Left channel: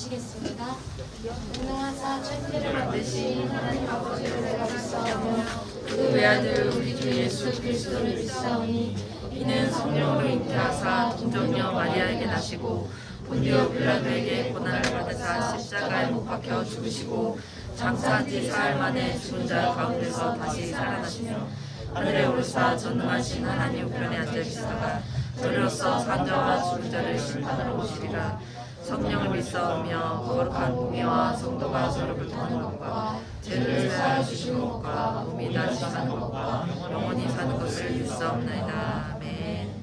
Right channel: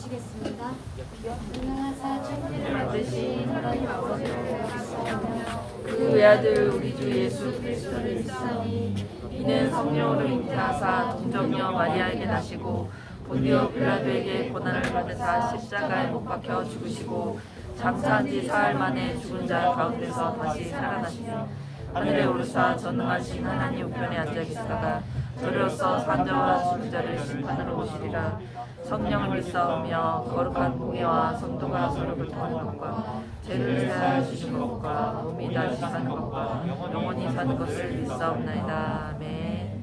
기도하시겠습니다. 무능하사 천지를 만드신 하나님 아버지를 내가 믿사오며 그 외아들 우리 주 예수 그리스도를 믿사오니 이는 성령으로 잉태하사 동정녀 마리아에게 나시고 본디오 빌라도에게 고난을 받으사 십자가에 못 박혀 죽으시고 장사한 지 사흘 만에 죽은 자 가운데서 다시 살아나시며 하늘에 오르사 전능하신 하나님 우편에 앉아 계시다가 저리로서 산자와 죽은 자를 심판으로 오시리라. 성령을 믿사오며 거룩한 공의와 성도가 서로 교통하는 것과 죄를 사하시는 것과 몸이 다시 사는 것과 영원히 사는 것을 믿사옵나이다. 아멘.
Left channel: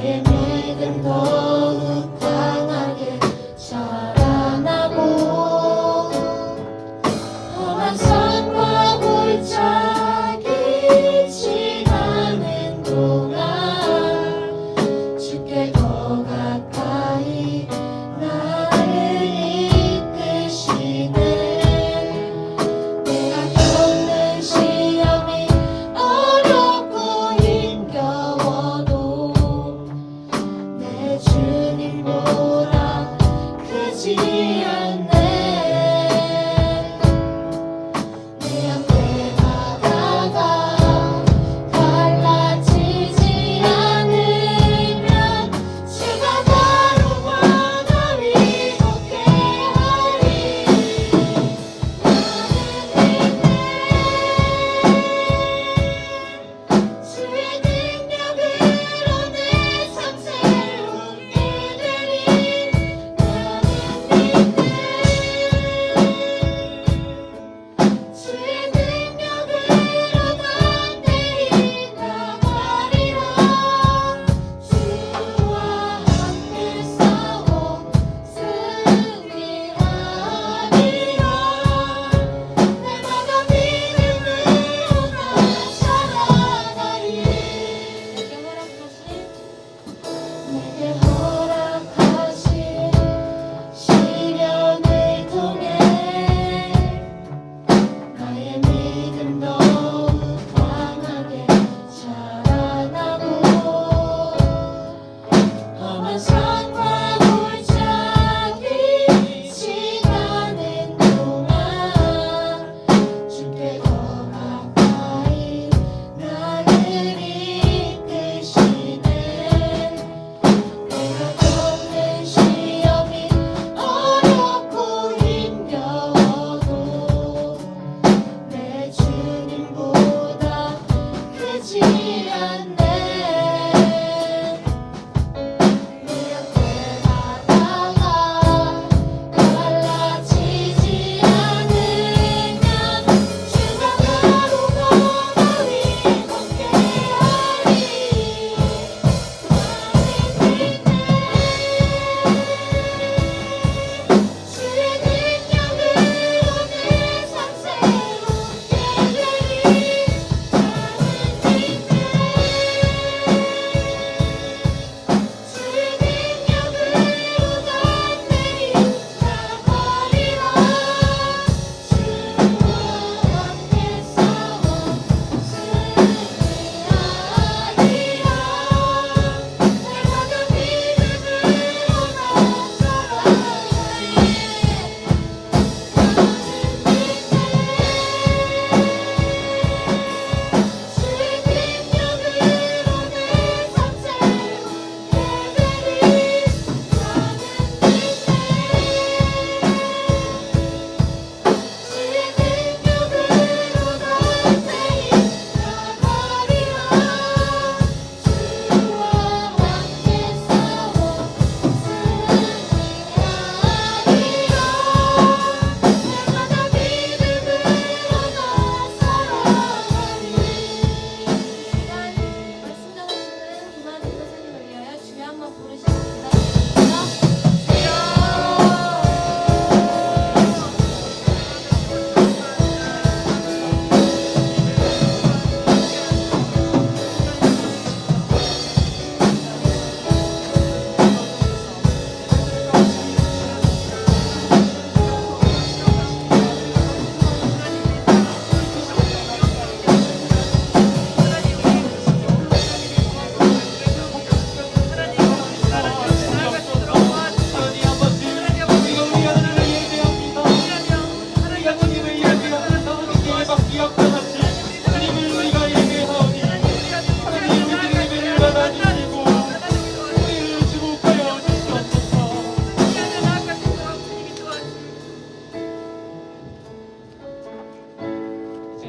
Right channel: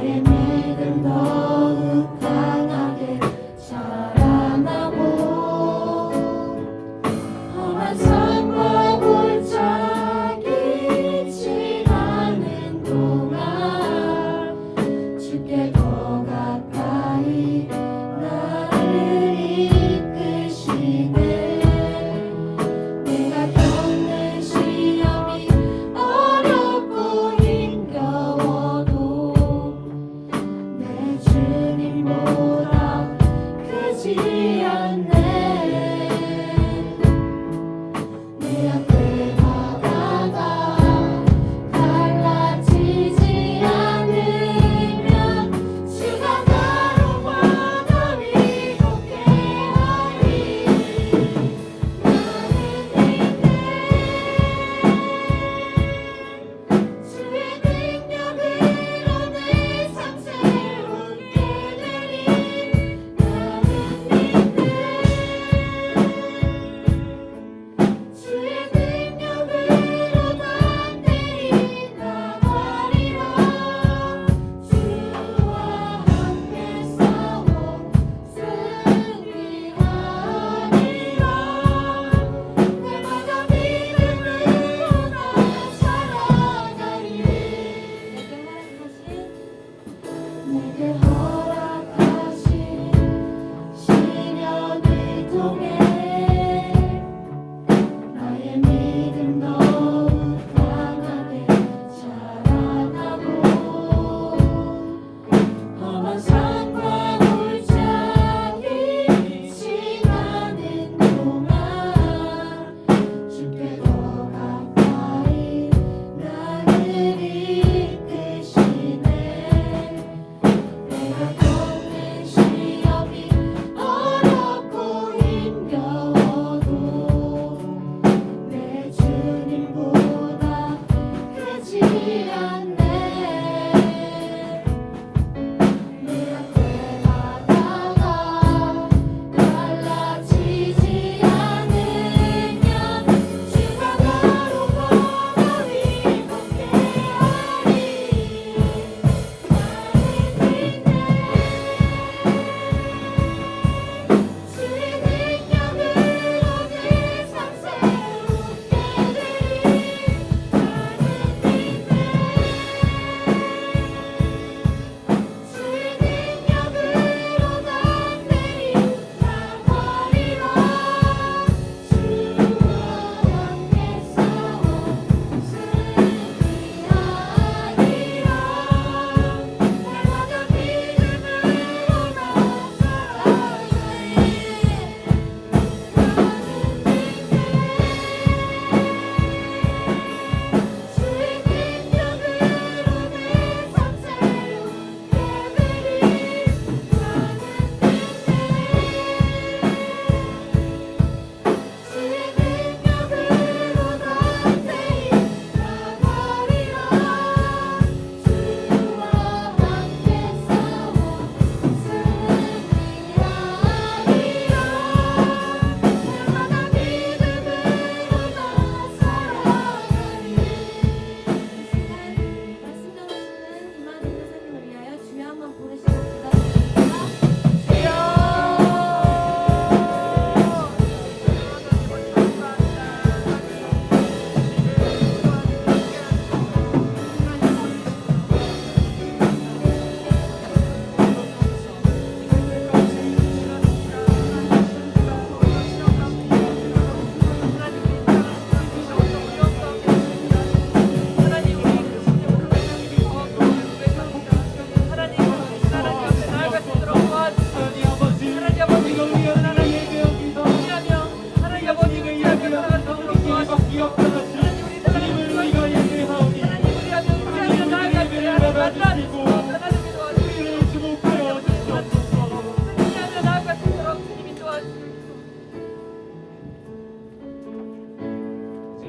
나의 믿음 더욱 강하게 자라나고 험한 산과 골짜기 지나는 동안 주께 더 가까이 나를 이끄시네. 내가 겪는 시험이 어렵고 힘겨워도 내 주님보다 크지 않네. 내 앞에 바다가 갈라지지 않으면 주가 바로 바다 위 걷게 하리. 주의 능력으로 내 삶 새롭게 되리. 나는 믿네. 주의 능력으로 담대히 나가리라. 주와 함께 싸워 승리하리라. 날마다 믿음으로 살아가리. 내게 허락하신 시련을 통해 나의 믿음 더욱 강하게 자라나고 험한 산과 골짜기 지나는 동안 주께 더 가까이 나를 이끄시네. 내가 겪는 시험이 어렵고 힘겨워도 내 주님보다 크지 않네. 내 앞에 바다가 갈라지지 않으면 주가 바로 바다 위 걷게 하리. 주의 능력으로 내 삶 새롭게 되리. 나는 믿네. 주의 능력으로 담대히 나가리라. 주와 함께 싸워 승리하리라. 날마다 믿음으로 살아가리. 주의 능력으로 내 삶 새롭게 되리. 나는 믿네. 주의 능력으로 담대히 나가리라. 주와 함께 싸워 승리하리라. 날마다 믿음으로 살아가리. 말씀 전하시는 김아진 선생님을 위하여 주여 한번 부르시고 기다리겠습니다.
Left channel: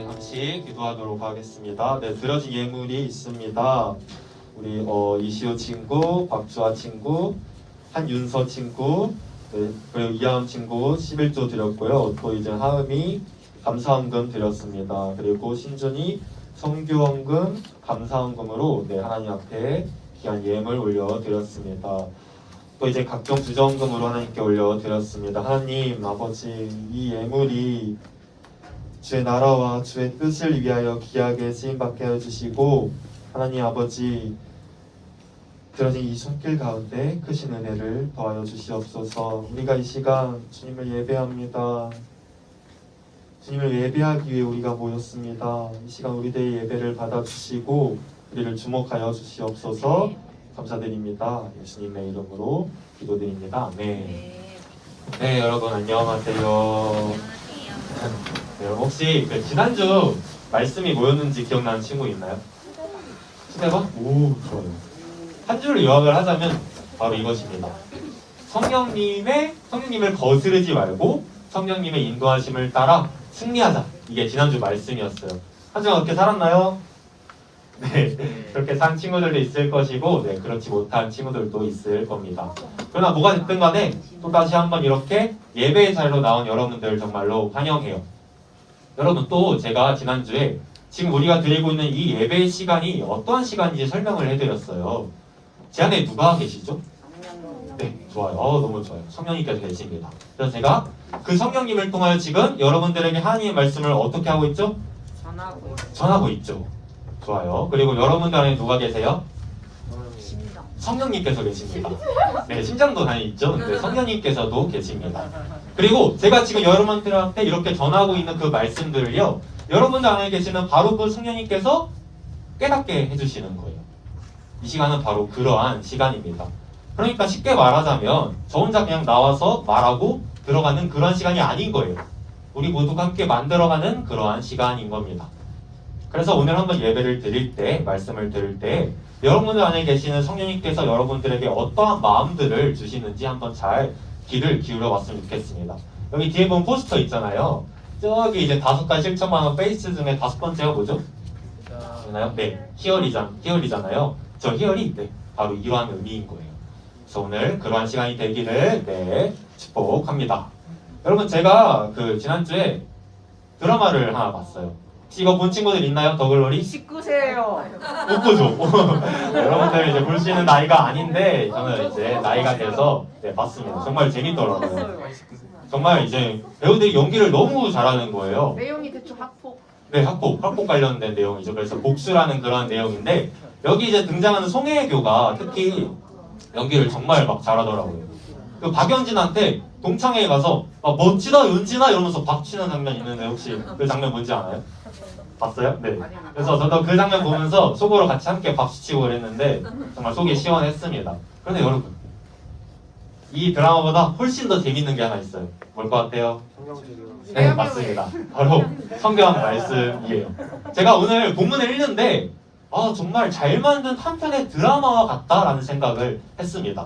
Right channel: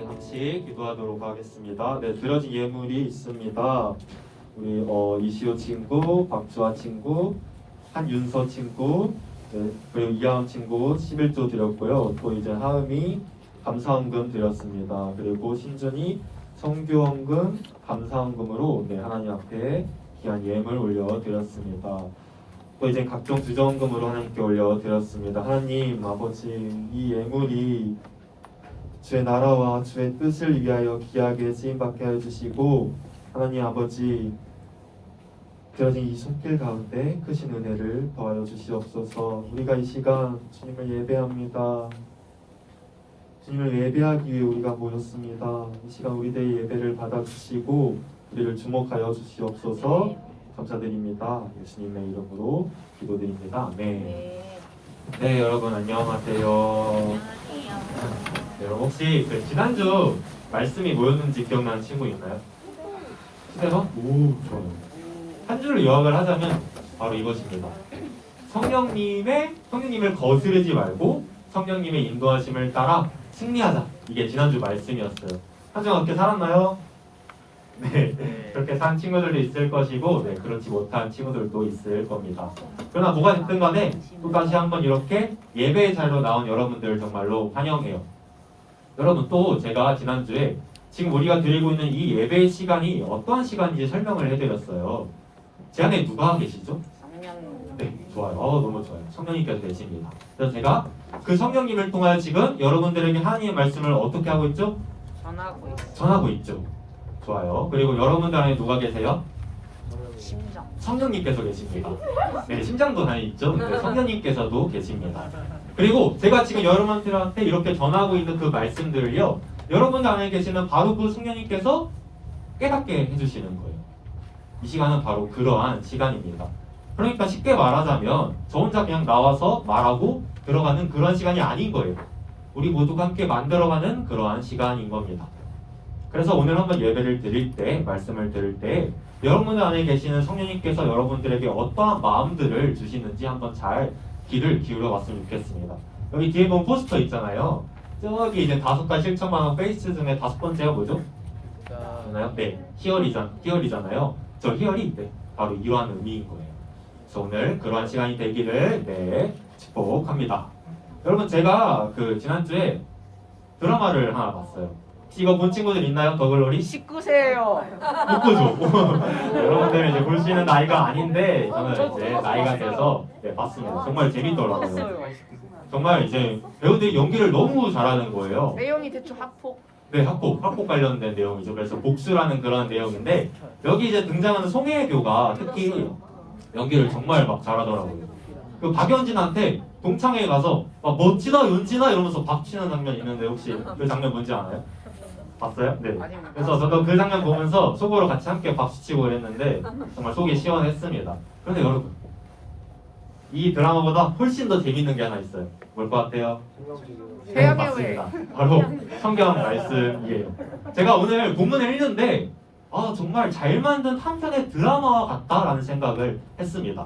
같이 기도하도록 하겠습니다. 네, 드려진 예물이 있습니다. 우리 이시우 친구, 박주아 친구, 한윤서 친구, 네, 그리고 이하은 친구 11조 드렸고요. 또 이제 하은이 감사헌금 드렸습니다. 그리고 신준이 성교헌금, 감사헌금으로 네, 하나님 앞에 귀한 예물 올려드렸습니다. 또 이제 각종 주정금으로 하나님께 올려드렸습니다. 하나님 아버지, 이 예물이 주의 나라와 주의 뜻을 위하여 귀하게 쓰임받게 해주시고, 하나님 아버지, 드려진 이 손길 가운데 크신 은혜를 더하여 주시옵소서. 우리가 이 시간 주님을 예배합니다. 주님을 예배하기 위해 우리가 모였습니다. 이 시간 우리들의 예배를 받아주시고 우리를 주목하여 주시옵소서. 감사드립니다. 예수님의 이름으로 기도드립니다. 아멘. 네, 여러분 안녕하세요. 네, 혹시 그 지난주 말씀이 뭐였는지 기억나는 친구 있나요? 시대박? 오, 좋아요. 한 줄로 요약을 하자면 바로 이것입니다. 성령님을 거스르지 말고 성령님의 인도하심을 따라 승리하자. 이게 지난주 말씀이었어요. 한 주간 어떻게 살았나요? 네, 그렇게 산 친구들도 있을 것이고, 네, 그렇지 못한 친구들도 있을 겁니다. 그러나 뭐가 됐든 간에 또다시 한번 이렇게 예배의 자리로 나온 여러분들 정말로 환영해요. 여러분, 또 제가 지난주에 지금 우리가 드리고 있는 이 예배의 시간이 어떠한 시간인지 설명을 해드렸어요. 제 안에 누가 계시죠? 네, 좋아요. 너무 좋아요. 성령님께서 계십니다. 그래서 제가 그 성령님을 통하여 지금 여러분들에게 하나님의 말씀을 어떻게 하고 있죠? 전하고 있죠. 좋아요. 그리고 여러분들 안에 누가 계세요? 성령님께서 계십니다. 네, 심장도 안에 있죠. 근데 성령님께서도 계십니다. 그리고 제가 지금 여러분들한테 이렇게 전하고 있는 그 말씀들을요, 여러분들 안에 계시는 바로 그 성령님께서 깨닫게 해주시는 거예요. 이 시간은 바로 그러한 시간입니다. 그러니까 쉽게 말하자면 저 혼자 그냥 나와서 말하고 들어가는 그런 시간이 아닌 거예요. 우리 모두가 함께 만들어가는 그러한 시간인 겁니다. 그래서 오늘 한번 예배를 드릴 때, 말씀을 들을 때 여러분들 안에 계시는 성령님께서 여러분들에게 어떠한 마음들을 주시는지 한번 잘 귀를 기울여 봤으면 좋겠습니다. 여기 뒤에 보면 포스터 있잖아요. 저기 이제 5가지 실천만원 페이스 중에 5번째가 뭐죠? 있나요? 네, 희열이잖아요. 저 희열이 네, 바로 이러한 의미인 거예요. 그래서 오늘 그러한 시간이 되기를 네, 축복합니다. 여러분, 제가 그 지난주에 드라마를 하나 봤어요. 혹시 이거 본 친구들 있나요? 더글로리? 19세예요. 못 보죠. 여러분들 이제 볼 수 있는 나이가 아닌데 저는 이제 나이가 돼서 네, 봤습니다. 정말 재밌더라고요. 정말 이제 배우들이 연기를 너무 잘하는 거예요. 내용이 대충 학폭. 네, 학폭 관련된 내용이죠. 그래서 복수라는 그런 내용인데 여기 이제 등장하는 송혜교가 특히 연기를 정말 막 잘하더라고요. 그 박연진한테 동창회에 가서 멋지다 연진아 이러면서 박치는 장면 있는데 혹시 그 장면 뭔지 아나요? 봤어요? 네. 그래서 저도 그 장면 보면서 속으로 같이 함께 박수치고 그랬는데 정말 속이 시원했습니다. 그런데 여러분, 이 드라마보다 훨씬 더 재밌는 게 하나 있어요. 뭘 것 같아요? 네, 맞습니다. 바로 성경 말씀이에요. 제가 오늘 본문을 읽는데 정말 잘 만든 한 편의 드라마와 같다라는 생각을 했습니다.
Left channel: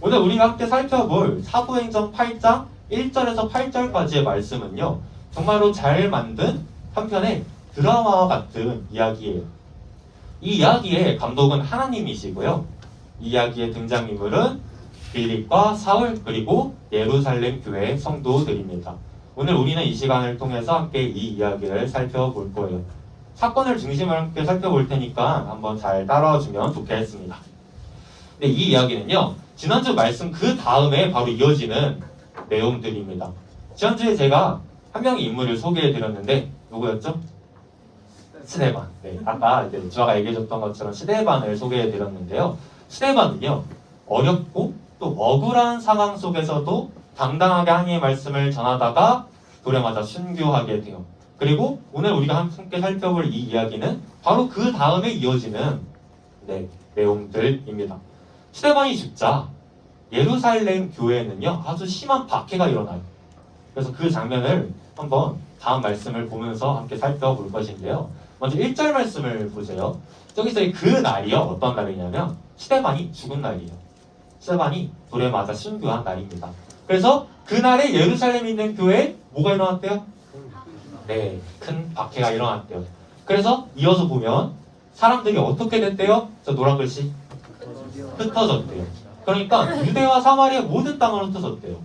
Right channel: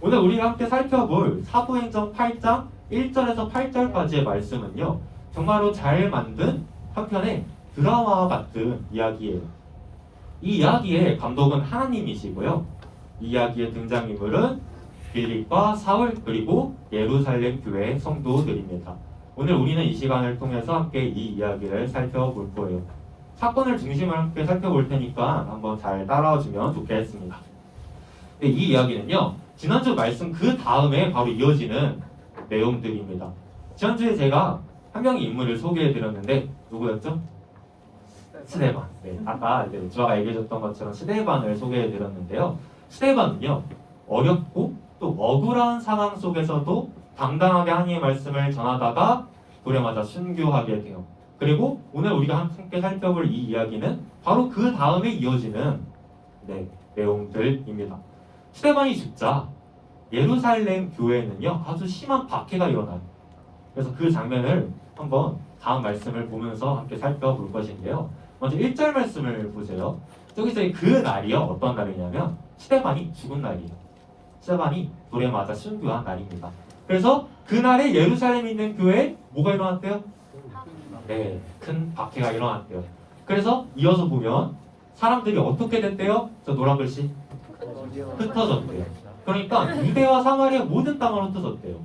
오늘 우리가 함께 살펴볼 사도행전 8장 1절에서 8절까지의 말씀은요, 정말로 잘 만든 한 편의 드라마와 같은 이야기예요. 이 이야기의 감독은 하나님이시고요. 이 이야기의 등장인물은 빌립과 사울 그리고 예루살렘 교회 성도들입니다. 오늘 우리는 이 시간을 통해서 함께 이 이야기를 살펴볼 거예요. 사건을 중심으로 함께 살펴볼 테니까 한번 잘 따라와 주면 좋겠습니다. 네, 이 이야기는요, 지난주 말씀 그 다음에 바로 이어지는 내용들입니다. 지난주에 제가 한 명의 인물을 소개해 드렸는데 누구였죠? 스데반. 네, 아까 이제 주아가 얘기해줬던 것처럼 스데반을 소개해 드렸는데요. 스데반은요, 어렵고 또 억울한 상황 속에서도 당당하게 하나님의 말씀을 전하다가 불에 맞아 순교하게 돼요. 그리고 오늘 우리가 함께 살펴볼 이 이야기는 바로 그 다음에 이어지는 내용들입니다. 스데반이 죽자 예루살렘 교회에는요, 아주 심한 박해가 일어나요. 그래서 그 장면을 한번 다음 말씀을 보면서 함께 살펴볼 것인데요. 먼저 1절 말씀을 보세요. 여기서 그 날이요, 어떤 날이냐면 스데반이 죽은 날이에요. 스데반이 돌에 맞아 순교한 날입니다. 그래서 그날에 예루살렘에 있는 교회에 뭐가 일어났대요? 네, 큰 박해가 일어났대요. 그래서 이어서 보면 사람들이 어떻게 됐대요? 저 노란 글씨 흩어졌대요. 그러니까 유대와 사마리아 모든 땅을 흩어졌대요.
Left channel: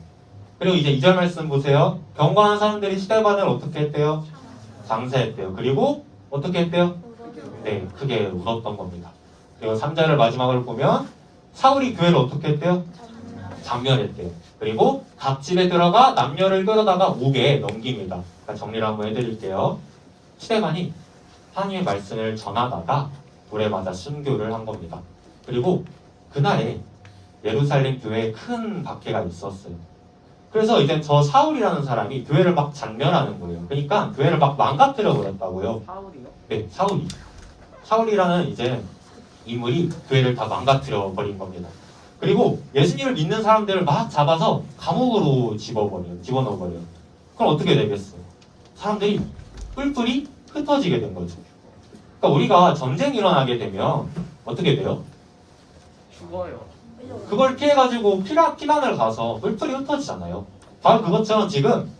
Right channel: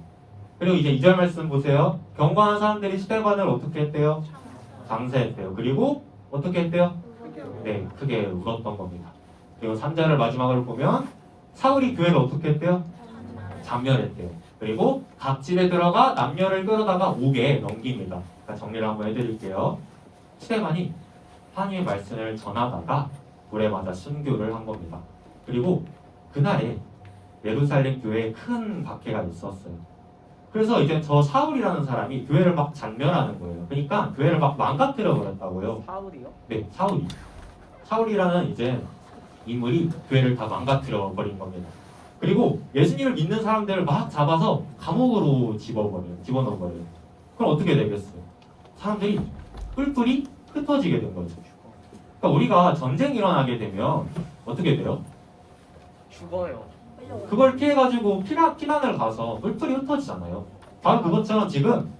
그리고 이제 2절 말씀 보세요. 경건한 사람들이 스데반을 어떻게 했대요? 장사했대요. 그리고 어떻게 했대요? 네, 크게 울었던 겁니다. 그리고 3절을 마지막으로 보면 사울이 교회를 어떻게 했대요? 장멸했대요. 그리고 각 집에 들어가 남녀를 끌어다가 옥에 넘깁니다. 그러니까 정리를 한번 해드릴게요. 스데반이 하나님의 말씀을 전하다가 돌에 맞아 순교를 한 겁니다. 그리고 그날에 예루살렘 교회에 큰 박해가 있었어요. 그래서 이제 저 사울이라는 사람이 교회를 막 장멸하는 거예요. 그러니까 교회를 막 망가뜨려 버렸다고요. 사울이요? 네, 사울이. 사울이라는 이제 인물이 교회를 다 망가뜨려 버린 겁니다. 그리고 예수님을 믿는 사람들을 막 잡아서 감옥으로 집어넣어 버려요. 그럼 어떻게 되겠어요? 사람들이 뿔뿔이 흩어지게 된 거죠. 그러니까 우리가 전쟁이 일어나게 되면 어떻게 돼요? 죽어요. 그걸 피해가지고 피난을 가서 뿔뿔이 흩어지잖아요. 바로 그것처럼 지금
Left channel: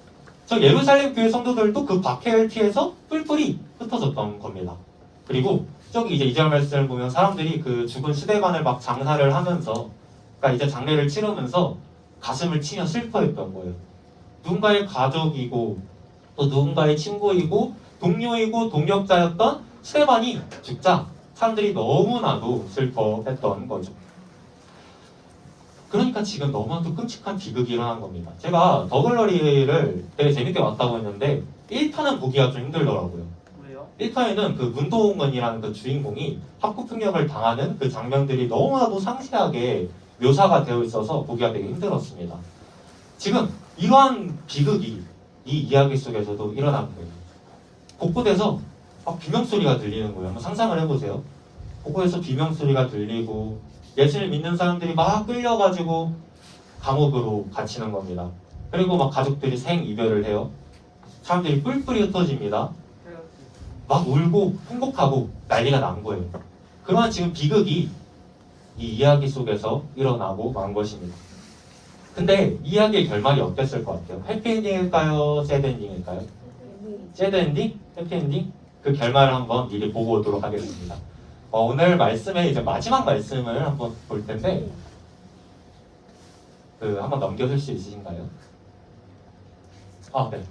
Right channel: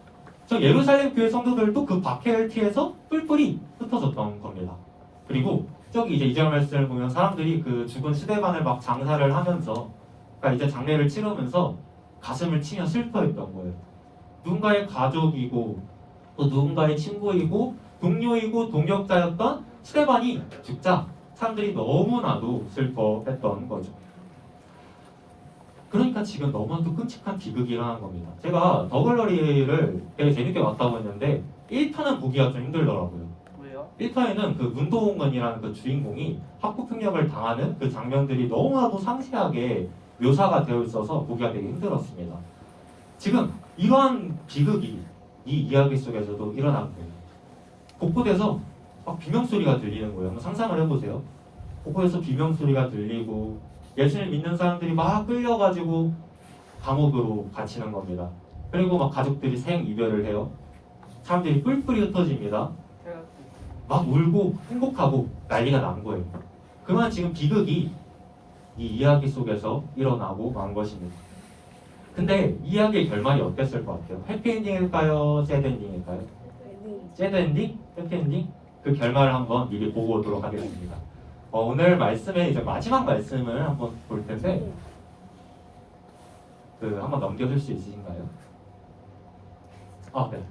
저 예루살렘 교회 성도들도 그 박해를 피해서 뿔뿔이 흩어졌던 겁니다. 그리고 저기 이제 2절 말씀을 보면 사람들이 그 죽은 스데반을 막 장사를 하면서, 그러니까 이제 장례를 치르면서 가슴을 치며 슬퍼했던 거예요. 누군가의 가족이고 또 누군가의 친구이고 동료이고 동역자였던 스데반이 죽자 사람들이 너무나도 슬퍼했던 거죠. 그러니까 지금 너무나도 끔찍한 비극이 일어난 겁니다. 제가 더글러리를 되게 재밌게 봤다고 했는데 1편은 보기가 좀 힘들더라고요. 왜요? 1편에는 그 문도원이라는 그 주인공이 학구폭력을 당하는 그 장면들이 너무나도 상세하게 묘사가 되어 있어서 보기가 되게 힘들었습니다. 지금 이러한 비극이 이 이야기 속에서도 일어난 거예요. 곳곳에서 막 비명소리가 들리는 거예요. 한번 상상을 해보세요. 곳곳에서 비명소리가 들리고 예수를 믿는 사람들이 막 끌려가지고 감옥으로 갇히는 겁니다. 그리고 막 가족들이 생이별을 해요. 사람들이 뿔뿔이 흩어집니다. 막 울고 통곡하고 난리가 난 거예요. 그러한 지금 비극이 이 이야기 속에서 일어나고 만 것입니다. 근데 이 이야기의 결말이 어땠을 것 같아요? 해피엔딩일까요? 새드엔딩일까요? 새드엔딩? 해피엔딩? 그 결말을 한번 미리 보고 오도록 하겠습니다. 오늘 말씀의 이제 마지막 말씀을 한번 볼 텐데 한번 넘겨줄 수 있으신가요? 네.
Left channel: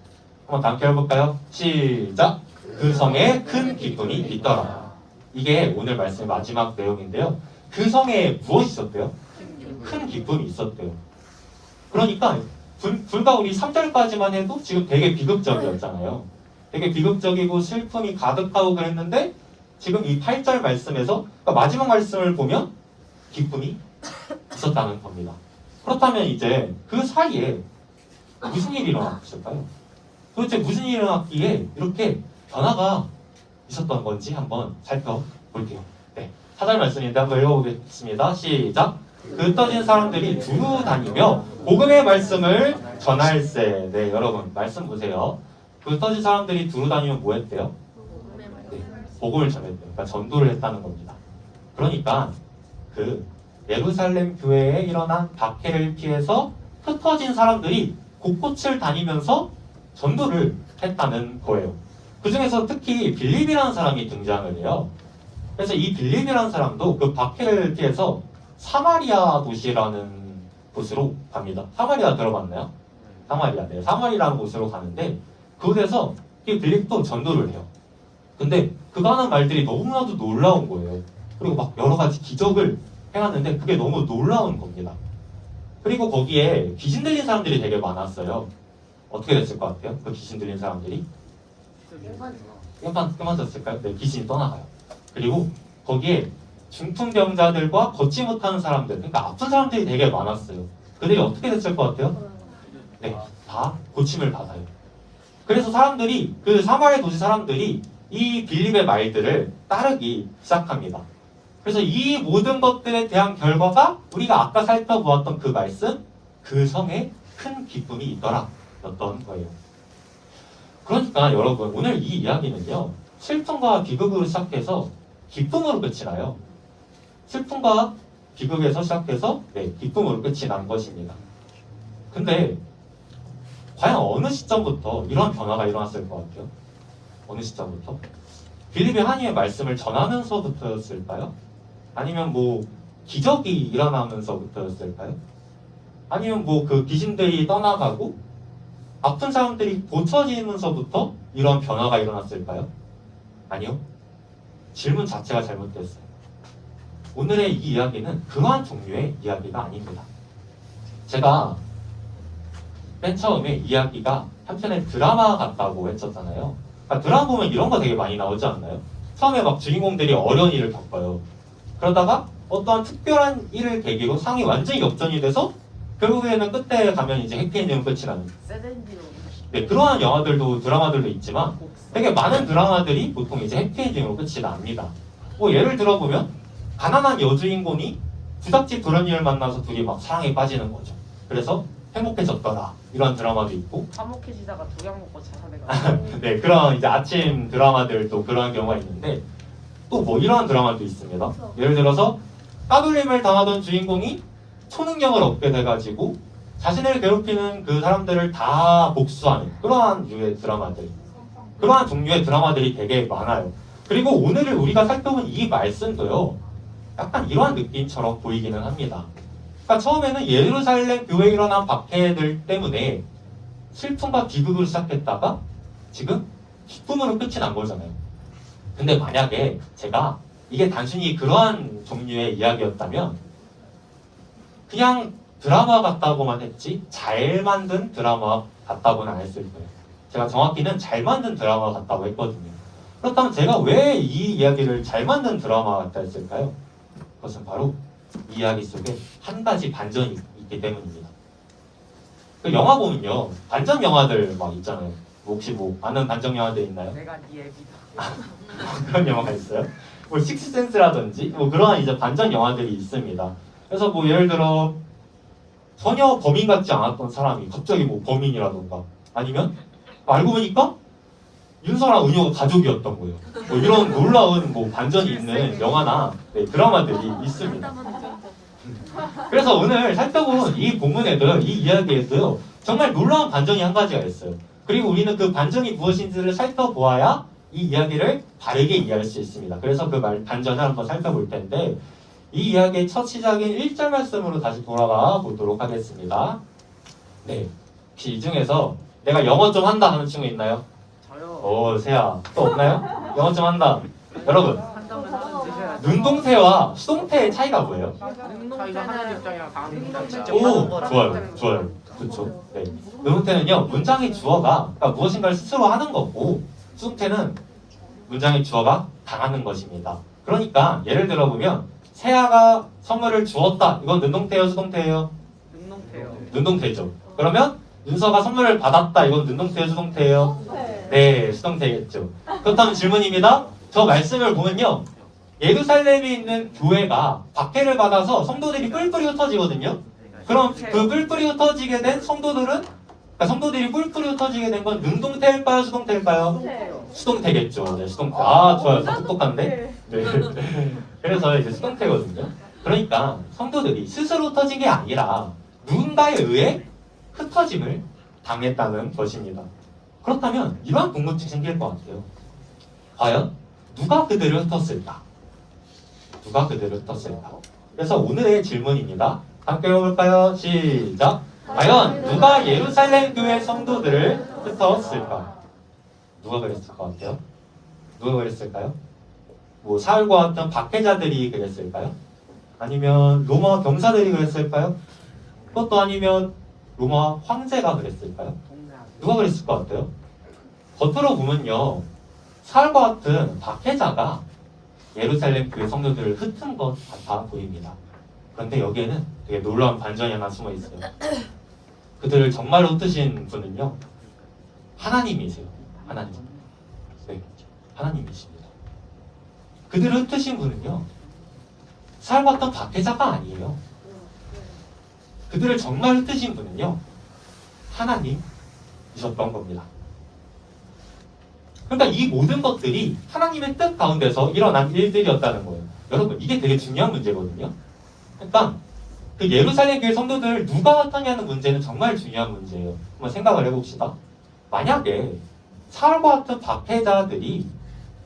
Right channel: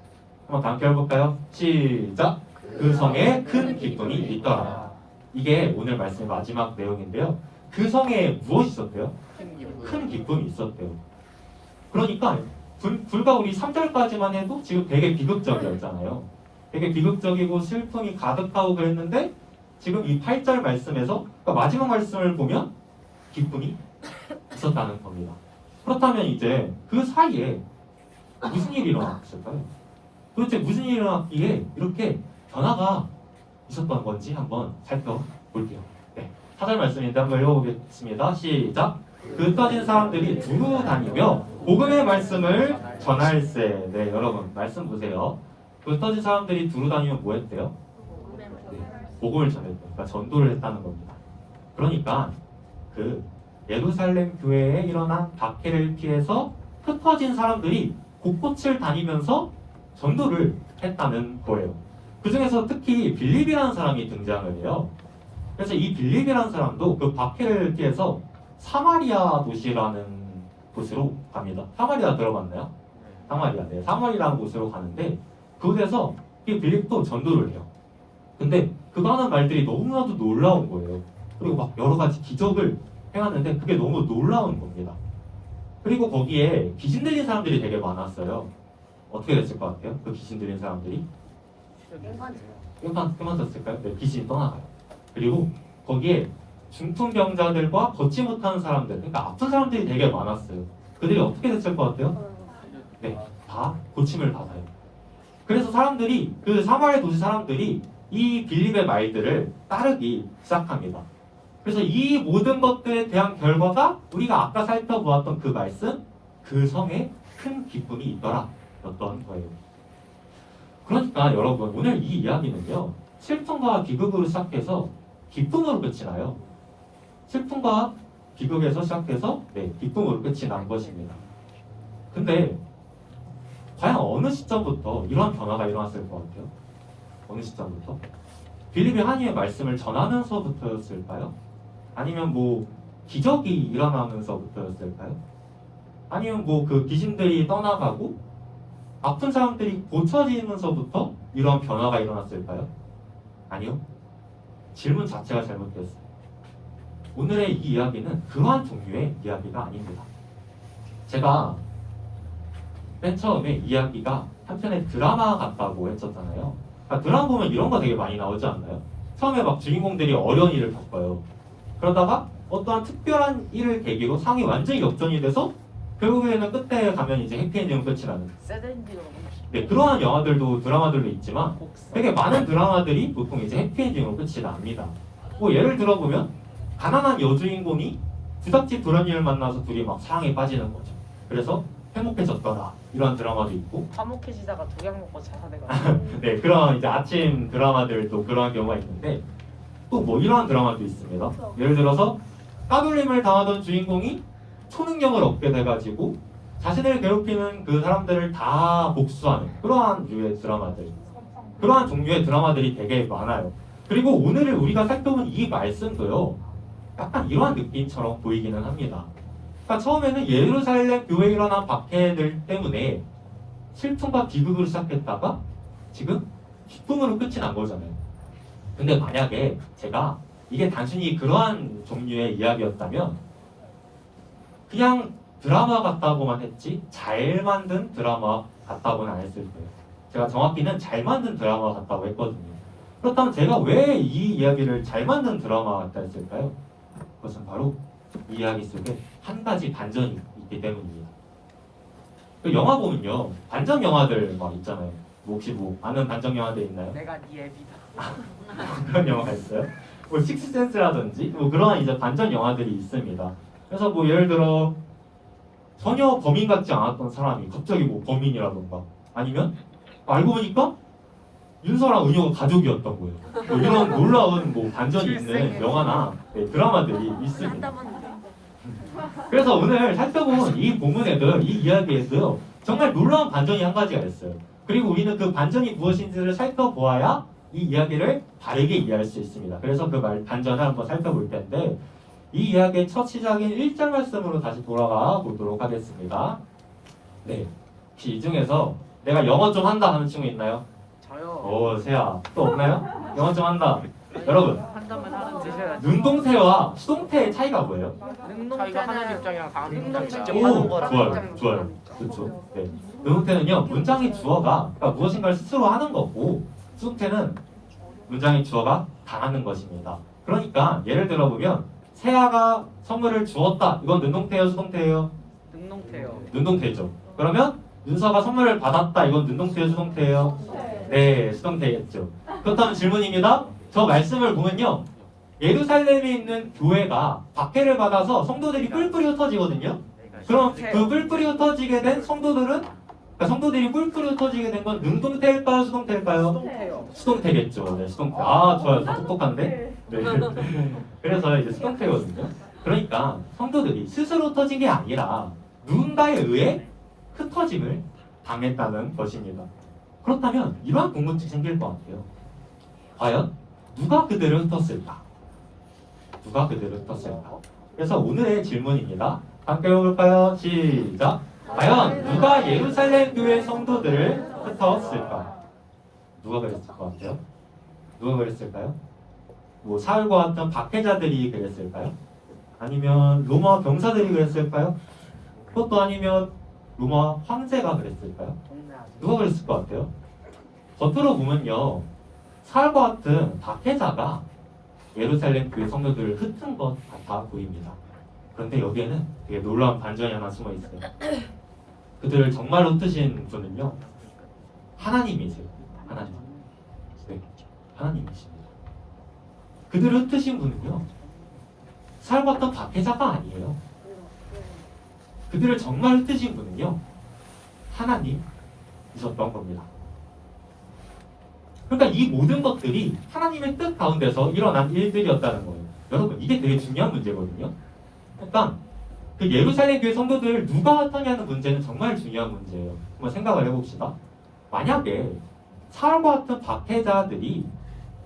한번 다음 편 해볼까요? 시작! 그 성에 큰 기쁨이 있더라. 이게 오늘 말씀의 마지막 내용인데요. 그 성에 무엇이 있었대요? 큰 기쁨이 있었대요. 그러니까 불과 우리 3절까지만 해도 지금 되게 비극적이었잖아요. 되게 비극적이고 슬픔이 가득하고 그랬는데 지금 이 8절 말씀에서, 그러니까 마지막 말씀을 보면 기쁨이 있었다는 겁니다. 그렇다면 이제 그 사이에 무슨 일이 일어났을까요? 도대체 무슨 일이 일어났기에 이렇게 변화가 있었던 건지 한번 살펴볼게요. 네, 4절 말씀인데 한번 읽어보겠습니다. 시작! 그 떠진 사람들이 두루 다니며 복음의 말씀을 전할세. 네, 여러분 말씀 보세요. 그 떠진 사람들이 두루 다니면 뭐 했대요? 복음을 전했대요. 그러니까 전도를 했다는 겁니다. 그러니까 그 예루살렘 교회에 일어난 박해를 피해서 흩어진 사람들이 곳곳을 다니면서 전도를 했다는 거예요. 그 중에서 특히 빌립이라는 사람이 등장을 해요. 그래서 이 빌립이라는 사람도 그 박해를 피해서 사마리아 도시라는 곳으로 갑니다. 사마리아 들어봤나요? 사마리아. 네, 사마리아라는 곳으로 가는데 그곳에서 이 빌립도 전도를 해요. 근데 그가 하는 말들이 너무나도 놀라운 거예요. 그리고 막 여러 가지 기적을 해왔는데 그게 너무 놀라운 겁니다. 그리고 거기에 귀신 들린 사람들이 되게 많았어요. 어떻게 됐을 것 같아요? 그 귀신 들린 사람들이? 끔찍했을까요? 네, 귀신이 떠나가요. 그리고 거기에 중풍병자들과 걷지 못하는 사람들, 그러니까 아픈 사람들이 되게 많았어요. 그들이 어떻게 됐을 것 같아요? 네, 다 고침을 받아요. 그래서 사람들이, 그 사마리아 도시 사람들이 이 빌립의 말들을 따르기 시작합니다. 그래서 이 모든 것들에 대한 결과가 우리가 아까 살펴보았던 그 말씀, 그 성에 큰 기쁨이 있더라 였던 거예요. 그러니까 여러분, 오늘 이 이야기는요, 슬픔과 비극으로 시작해서 기쁨으로 끝이 나요. 슬픔과 비극에서 시작해서 기쁨으로 끝이 난 것입니다. 근데 과연 어느 시점부터 이런 변화가 일어났을 것 같아요? 어느 시점부터? 빌립이 하나님의 말씀을 전하면서부터였을까요? 아니면 뭐 기적이 일어나면서부터였을까요? 아니면 뭐 그 귀신들이 떠나가고 아픈 사람들이 고쳐지면서부터 이런 변화가 일어났을까요? 아니요. 질문 자체가 잘못됐어요. 오늘의 이 이야기는 그러한 종류의 이야기가 아닙니다. 제가 맨 처음에 이야기가 한편의 드라마 같다고 했었잖아요. 그러니까 드라마 보면 이런 거 되게 많이 나오지 않나요? 처음에 막 주인공들이 어려운 일을 겪어요. 그러다가 어떠한 특별한 일을 계기로 상황이 완전히 역전이 돼서 결국에는 끝에 가면 이제 해피엔딩으로 끝이 나는. 세덴디로 네, 그러한 영화들도 드라마들도 있지만 되게 많은 드라마들이 보통 이제 해피엔딩으로 끝이 납니다. 뭐 예를 들어보면 가난한 여주인공이 부잣집 도련님을 만나서 둘이 막 사랑에 빠지는 거죠. 그래서 행복해졌더라 이런 드라마도 있고 화목해지다가 두약 먹고 자살해가지고 네, 그런 이제 아침 드라마들도 그런 경우가 있는데 또 뭐 이러한 드라마도 있습니다. 예를 들어서 까불림을 당하던 주인공이 초능력을 얻게 돼가지고 자신을 괴롭히는 그 사람들을 다 복수하는 그러한 류의 드라마들, 그러한 종류의 드라마들이 되게 많아요. 그리고 오늘 우리가 살펴본 이 말씀도요, 약간 이러한 느낌처럼 보이기는 합니다. 그러니까 처음에는 예루살렘 교회에 일어난 박해들 때문에 슬픔과 비극으로 시작했다가 지금 기쁨으로 끝이 난 거잖아요. 근데 만약에 제가 이게 단순히 그러한 종류의 이야기였다면 그냥 드라마 같다고만 했지 잘 만든 드라마 같다고는 안 했을 거예요. 제가 정확히는 잘 만든 드라마 같다고 했거든요. 그렇다면 제가 왜 이 이야기를 잘 만든 드라마 같다 했을까요? 그것은 바로 이 이야기 속에 한 가지 반전이 있기 때문입니다. 그 영화 보면요, 반전 영화들 막 있잖아요. 뭐 혹시 뭐 아는 반전 영화들 있나요? 내가 네 애비다. 그런 영화가 있어요? 뭐 식스센스라든지 뭐 그런 이제 반전 영화들이 있습니다. 그래서 뭐 예를 들어 전혀 범인 같지 않았던 사람이 갑자기 뭐 범인이라던가 아니면 알고 보니까 윤서랑 은효가 가족이었던 거예요. 뭐 이런 놀라운 뭐 반전이 있는 영화나 네, 드라마들이 있습니다. 그래서 오늘 살펴본 이 본문에도 이 이야기에도 정말 놀라운 반전이 한 가지가 있어요. 그리고 우리는 그 반전이 무엇인지를 살펴보아야 이 이야기를 바르게 이해할 수 있습니다. 그래서 그 반전을 한번 살펴볼 텐데 이 이야기의 첫 시작인 1절 말씀으로 다시 돌아가 보도록 하겠습니다. 네, 혹시 이 중에서 내가 영어 좀 한다 하는 친구 있나요? 저요. 오, 세야. 또 없나요? 영어 좀 한다. 여러분, 한 점은 드셔야죠. 눈동태와 수동태의 차이가 뭐예요? 저희가 하나님 입장이랑 강아지 입장 직접 오, 하는 거랑 좋아요, 좋아요. 그렇죠. 네. 눈동태는요, 문장의 주어가 그러니까 무엇인가를 스스로 하는 거고, 수동태는 문장의 주어가 당하는 것입니다. 그러니까 예를 들어보면 세아가 선물을 주었다. 이건 능동태예요, 수동태예요? 능동태요. 능동태죠. 그러면 윤서가 선물을 받았다. 이건 능동태예요, 수동태예요? 네, 수동태겠죠. 그렇다면 질문입니다. 저 말씀을 보면요, 예루살렘에 있는 교회가 박해를 받아서 성도들이 뿔뿔이 흩어지거든요. 그럼 그 뿔뿔이 흩어지게 된 성도들은, 그러니까 성도들이 뿔뿔이 흩어지게 된 건 능동태일까요, 수동태일까요? 수동태겠죠. 네, 수동태. 아, 좋아요. 다 똑똑한데? 네. 그래서 이제 수동태거든요. 그러니까 성도들이 스스로 흩어진 게 아니라 누군가에 의해 흩어짐을 당했다는 것입니다. 그렇다면 이러한 궁금증이 생길 것 같아요. 과연 누가 그들을 흩었을까? 누가 그들을 흩었을까? 그래서 오늘의 질문입니다. 함께 해볼까요? 시작! 과연 누가 예루살렘 교회 성도들을 흩었을까? 누가 그랬을 것 같아요? 누가 그랬을까요? 뭐 사울과 같은 박해자들이 그랬을까요? 아니면 로마 병사들이 그랬을까요? 그것도 아니면 로마 황제가 그랬을까요? 누가 그랬을 것 같아요? 겉으로 보면요, 사울과 같은 박해자가 예루살렘 교회 성도들을 흩은 것 같아 보입니다. 그런데 여기에는 되게 놀라운 반전이 하나 숨어 있어요. 그들을 정말로 흩으신 분은요, 하나님이세요. 하나님. 네, 하나님이십니다. 그들을 흩으신 분은요, 사울과 같은 박해자가 아니에요. 그들을 정말 흩으신 분은요, 하나님이셨던 겁니다. 그러니까 이 모든 것들이 하나님의 뜻 가운데서 일어난 일들이었다는 거예요. 여러분, 이게 되게 중요한 문제거든요. 그러니까 그 예루살렘 교회 성도들을 누가 흩었냐는 문제는 정말 중요한 문제예요. 한번 생각을 해봅시다. 만약에 사울과 같은 박해자들이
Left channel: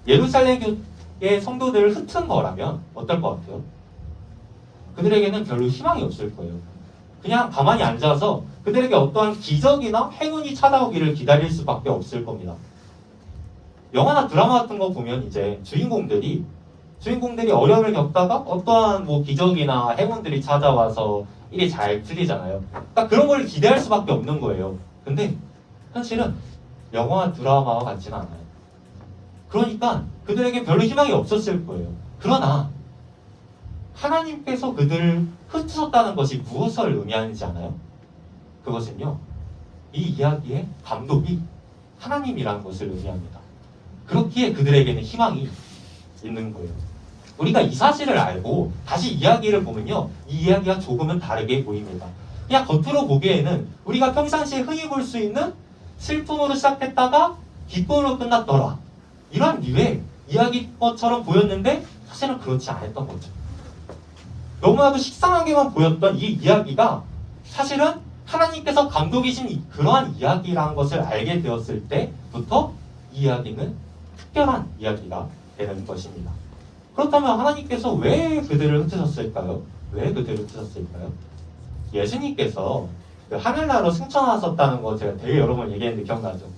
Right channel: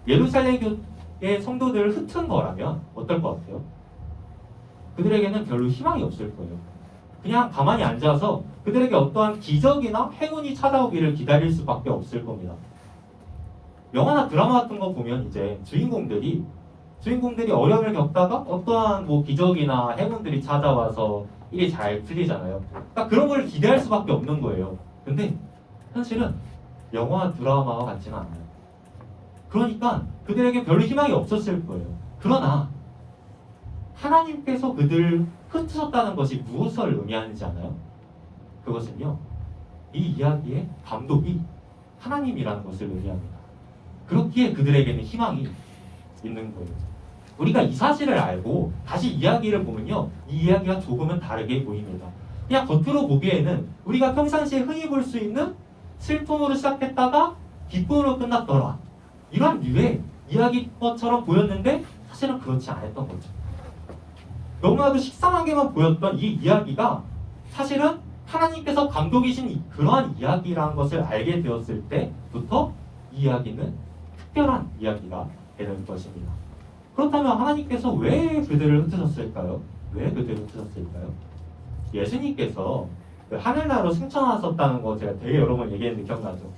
예루살렘 교회 성도들을 흩은 거라면 어떨 것 같아요? 그들에게는 별로 희망이 없을 거예요. 그냥 가만히 앉아서 그들에게 어떠한 기적이나 행운이 찾아오기를 기다릴 수밖에 없을 겁니다. 영화나 드라마 같은 거 보면 이제 주인공들이 주인공들이 어려움을 겪다가 어떠한 뭐 기적이나 행운들이 찾아와서 일이 잘 풀리잖아요. 그러니까 그런 걸 기대할 수밖에 없는 거예요. 근데 현실은 영화 드라마와 같지는 않아요. 그러니까 그들에게 별로 희망이 없었을 거예요. 그러나 하나님께서 그들을 흩으셨다는 것이 무엇을 의미하는지 아나요? 그것은요, 이 이야기의 감독이 하나님이라는 것을 의미합니다. 그렇기에 그들에게는 희망이 있는 거예요. 우리가 이 사실을 알고 다시 이야기를 보면요, 이 이야기가 조금은 다르게 보입니다. 그냥 겉으로 보기에는 우리가 평상시에 흔히 볼 수 있는 슬픔으로 시작했다가 기쁨으로 끝났더라, 이런 류의 이야기처럼 보였는데 사실은 그렇지 않았던 거죠. 너무나도 식상하게만 보였던 이 이야기가 사실은 하나님께서 감독이신 그러한 이야기라는 것을 알게 되었을 때부터 이 이야기는 특별한 이야기가 되는 것입니다. 그렇다면 하나님께서 왜 그들을 흩으셨을까요? 왜 그들을 흩으셨을까요? 예수님께서 그 하늘나라로 승천하셨다는 거 제가 되게 여러 번 얘기했는데 기억나죠?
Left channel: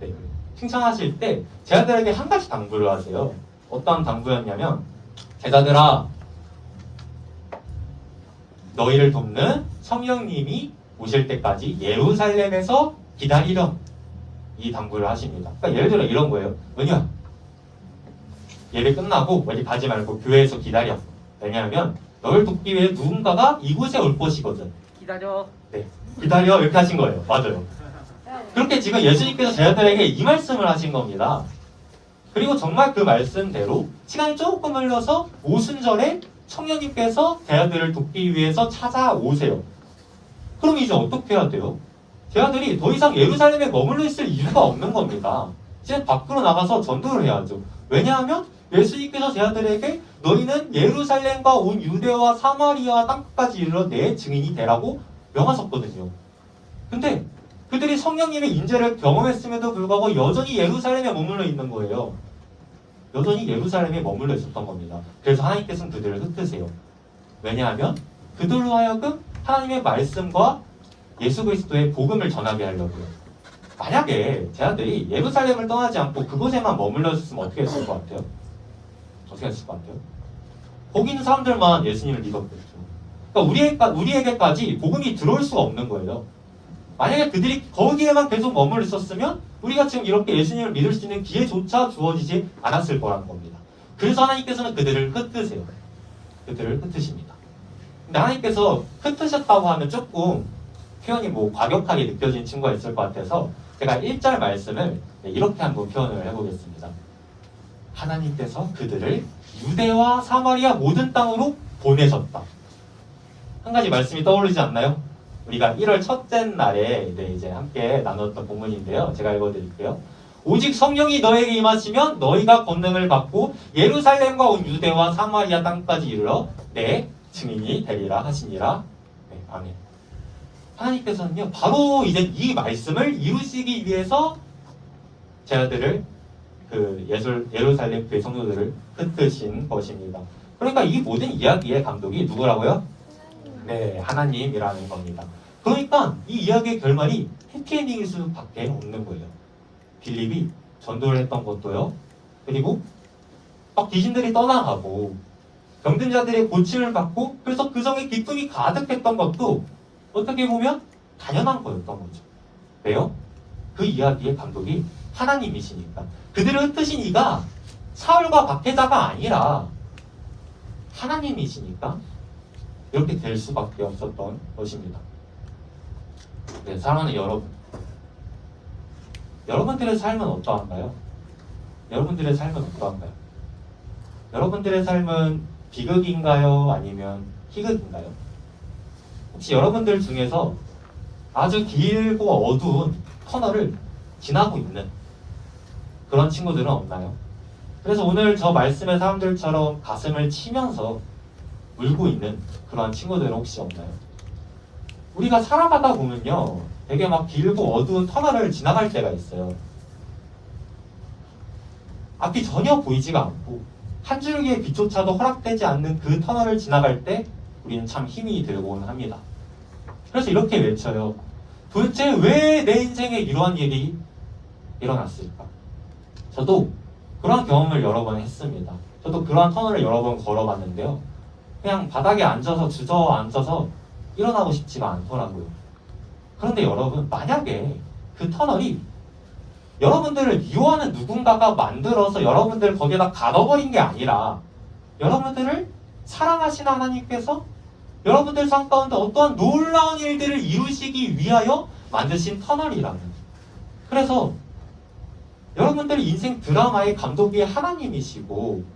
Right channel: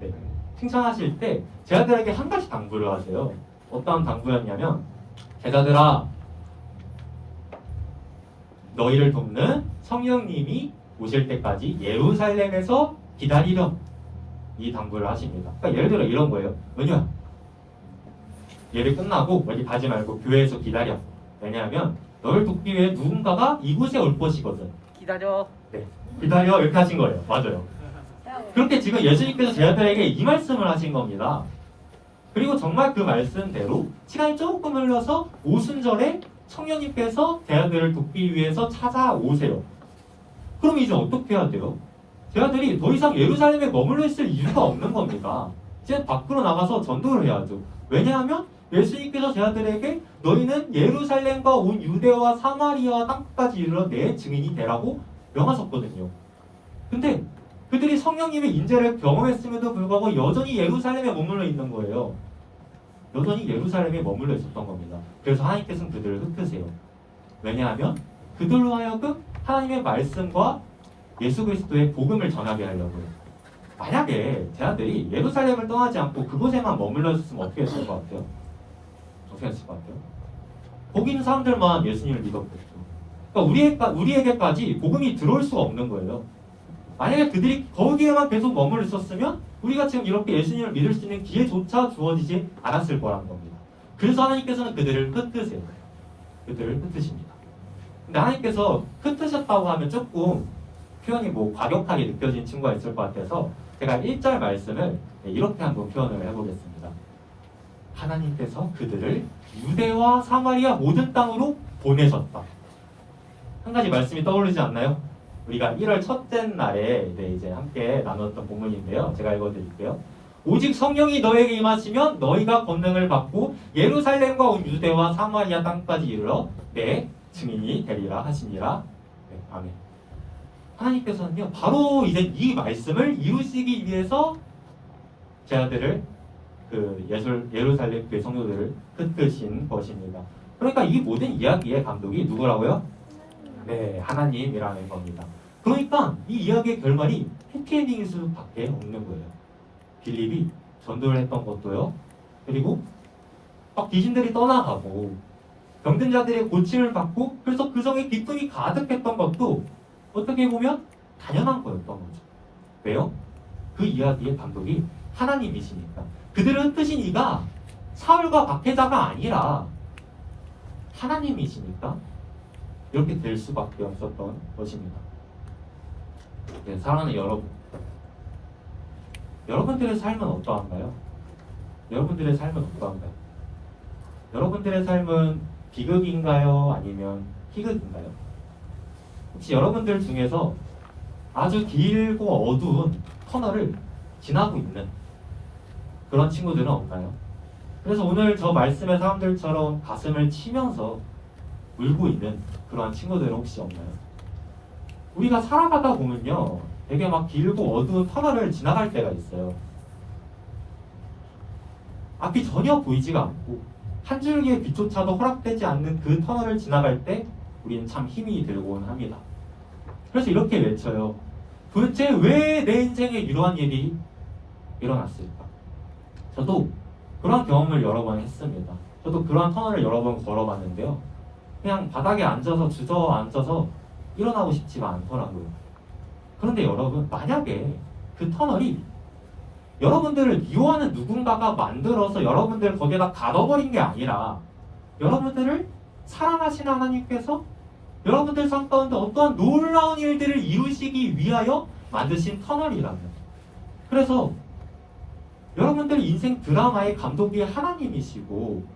네. 승천하실 때 제자들에게 한 가지 당부를 하세요. 어떤 당부였냐면, 제자들아, 너희를 돕는 성령님이 오실 때까지 예루살렘에서 기다리렴, 이 당부를 하십니다. 그러니까 예를 들어 이런 거예요. 은유야, 예배 끝나고 어디 가지 말고 교회에서 기다려. 왜냐하면 너를 돕기 위해 누군가가 이곳에 올 것이거든. 기다려. 네, 기다려, 이렇게 하신 거예요. 맞아요. 그렇게 지금 예수님께서 제자들에게 이 말씀을 하신 겁니다. 그리고 정말 그 말씀대로 시간이 조금 흘러서 오순절에 청년님께서 제자들을 돕기 위해서 찾아오세요. 그럼 이제 어떻게 해야 돼요? 제자들이 더 이상 예루살렘에 머물러 있을 이유가 없는 겁니다. 이제 밖으로 나가서 전도를 해야죠. 왜냐하면 예수님께서 제자들에게 너희는 예루살렘과 온 유대와 사마리아 땅끝까지 이르러 내 증인이 되라고 명하셨거든요. 근데 그들이 성령님의 인재를 경험했음에도 불구하고 여전히 예루살렘에 머물러 있는 거예요. 여전히 예루살렘에 머물러 있었던 겁니다. 그래서 하나님께서는 그들을 흩으세요. 왜냐하면 그들로 하여금 하나님의 말씀과 예수 그리스도의 복음을 전하게 하려고요. 만약에 제자들이 예루살렘을 떠나지 않고 그곳에만 머물러 있었으면 어떻게 했을 것 같아요? 어떻게 했을 것 같아요? 거기 있는 사람들만 예수님을 믿었겠죠. 그러니까 우리에게까지 복음이 들어올 수가 없는 거예요. 만약에 그들이 거기에만 계속 머물러 있었으면 우리가 지금 이렇게 예수님을 믿을 수 있는 기회조차 주어지지 않았을 거라는 겁니다. 그래서 하나님께서는 그들을 흩으세요. 그들을 흩으십니다. 근데 하나님께서 흩으셨다고 하면 조금 표현이 뭐 과격하게 느껴지는 친구가 있을 것 같아서 제가 1절 말씀을 이렇게 한번 표현을 해보겠습니다. 하나님께서 그들을 유대와 사마리아 모든 땅으로 보내셨다. 한 가지 말씀이 떠오르지 않나요? 우리가 1월 첫째 날에 이제 함께 나눴던 본문인데요. 제가 읽어드릴게요. 오직 성령이 너에게 임하시면 너희가 권능을 받고 예루살렘과 온 유대와 사마리아 땅까지 이르러 내 증인이 되리라 하시니라. 네, 아멘. 하나님께서는요, 바로 이제 이 말씀을 이루시기 위해서 제자들을 예루살렘 교회 성도들을 흩으신 것입니다. 그러니까 이 모든 이야기의 감독이 누구라고요? 네, 하나님이라는 겁니다. 그러니까 이 이야기의 결말이 해피엔딩일 수밖에 없는 거예요. 빌립이 전도를 했던 것도요. 그리고 막 귀신들이 떠나가고 병든 자들의 고침을 받고 그래서 그 성에 기쁨이 가득했던 것도 어떻게 보면 당연한 거였던 거죠. 왜요? 그 이야기의 감독이 하나님이시니까. 그들을 흩으신 이가 사울과 박해자가 아니라 하나님이시니까 이렇게 될 수밖에 없었던 것입니다. 네, 사랑하는 여러분, 여러분들의 삶은 어떠한가요? 여러분들의 삶은 어떠한가요? 여러분들의 삶은 비극인가요? 아니면 희극인가요? 혹시 여러분들 중에서 아주 길고 어두운 터널을 지나고 있는 그런 친구들은 없나요? 그래서 오늘 저 말씀의 사람들처럼 가슴을 치면서 울고 있는 그런 친구들은 혹시 없나요? 우리가 살아가다 보면요, 되게 막 길고 어두운 터널을 지나갈 때가 있어요. 앞이 전혀 보이지가 않고 한 줄기의 빛조차도 허락되지 않는 그 터널을 지나갈 때 우리는 참 힘이 들곤 합니다. 그래서 이렇게 외쳐요. 도대체 왜 내 인생에 이러한 일이 일어났을까? 저도 그런 경험을 여러 번 했습니다. 저도 그러한 터널을 여러 번 걸어봤는데요. 그냥 바닥에 앉아서 주저앉아서 일어나고 싶지가 않더라고요. 그런데 여러분, 만약에 그 터널이 여러분들을 미워하는 누군가가 만들어서 여러분들을 거기에다 가둬버린 게 아니라 여러분들을 사랑하시는 하나님께서 여러분들 삶 가운데 어떠한 놀라운 일들을 이루시기 위하여 만드신 터널이라면, 그래서 여러분들 인생 드라마의 감독이 하나님이시고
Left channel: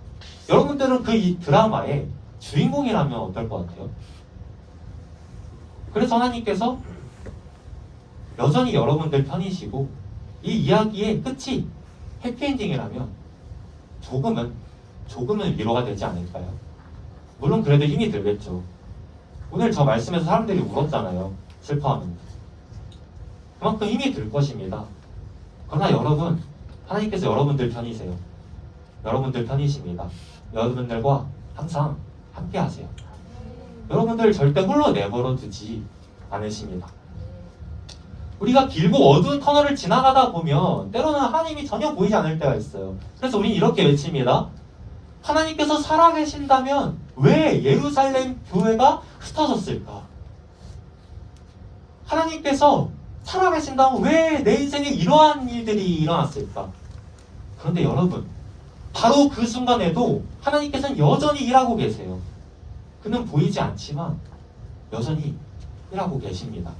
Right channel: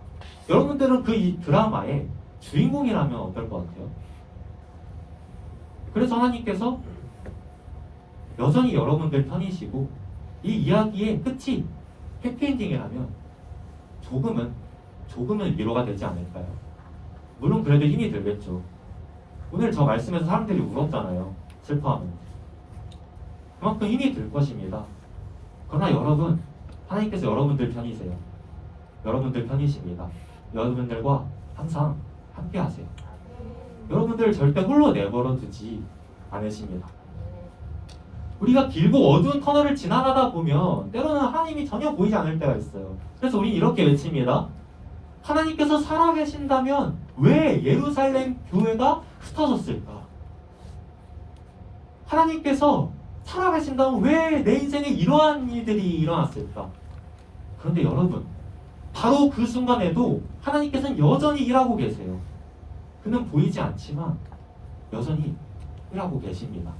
여러분들은 그 이 드라마의 주인공이라면 어떨 것 같아요? 그래서 하나님께서 여전히 여러분들 편이시고 이 이야기의 끝이 해피엔딩이라면 조금은 위로가 되지 않을까요? 물론 그래도 힘이 들겠죠. 오늘 저 말씀에서 사람들이 울었잖아요. 슬퍼하면. 그만큼 힘이 들 것입니다. 그러나 여러분, 하나님께서 여러분들 편이세요. 여러분들 편이십니다. 여러분들과 항상 함께 하세요. 여러분들 절대 홀로 내버려 두지 않으십니다. 우리가 길고 어두운 터널을 지나가다 보면 때로는 하나님이 전혀 보이지 않을 때가 있어요. 그래서 우리는 이렇게 외칩니다. 하나님께서 살아계신다면 왜 예루살렘 교회가 흩어졌을까? 하나님께서 살아계신다면 왜 내 인생에 이러한 일들이 일어났을까? 그런데 여러분, 바로 그 순간에도 하나님께서는 여전히 일하고 계세요. 그는 보이지 않지만 여전히 일하고 계십니다.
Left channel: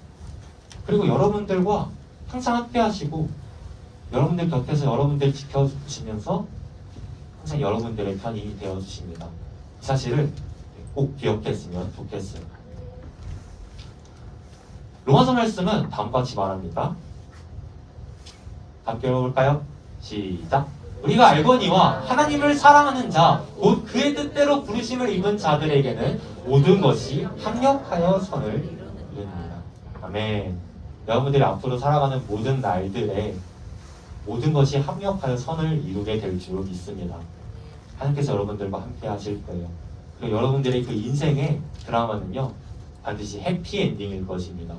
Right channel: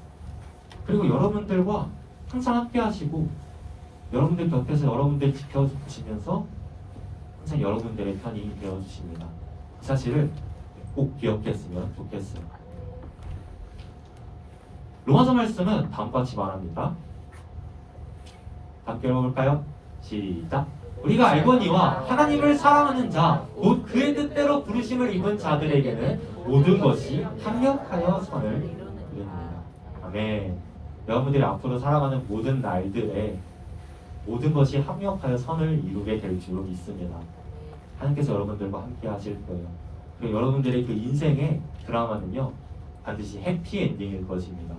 그리고 여러분들과 항상 함께 하시고 여러분들 곁에서 여러분들 지켜주시면서 항상 여러분들의 편이 되어주십니다. 이 사실을 꼭 기억했으면 좋겠습니다. 로마서 말씀은 다음과 같이 말합니다. 함께 읽어볼까요? 시작! 우리가 알거니와 하나님을 사랑하는 자, 곧 그의 뜻대로 부르심을 입은 자들에게는 모든 것이 합력하여 선을 이룹니다. 아멘. 여러분들이 앞으로 살아가는 모든 날들에 모든 것이 합력하여 선을 이루게 될 줄로 믿습니다. 하나님께서 여러분들과 함께 하실 거예요. 그리고 여러분들의 그 인생의 드라마는요, 반드시 해피엔딩일 것입니다.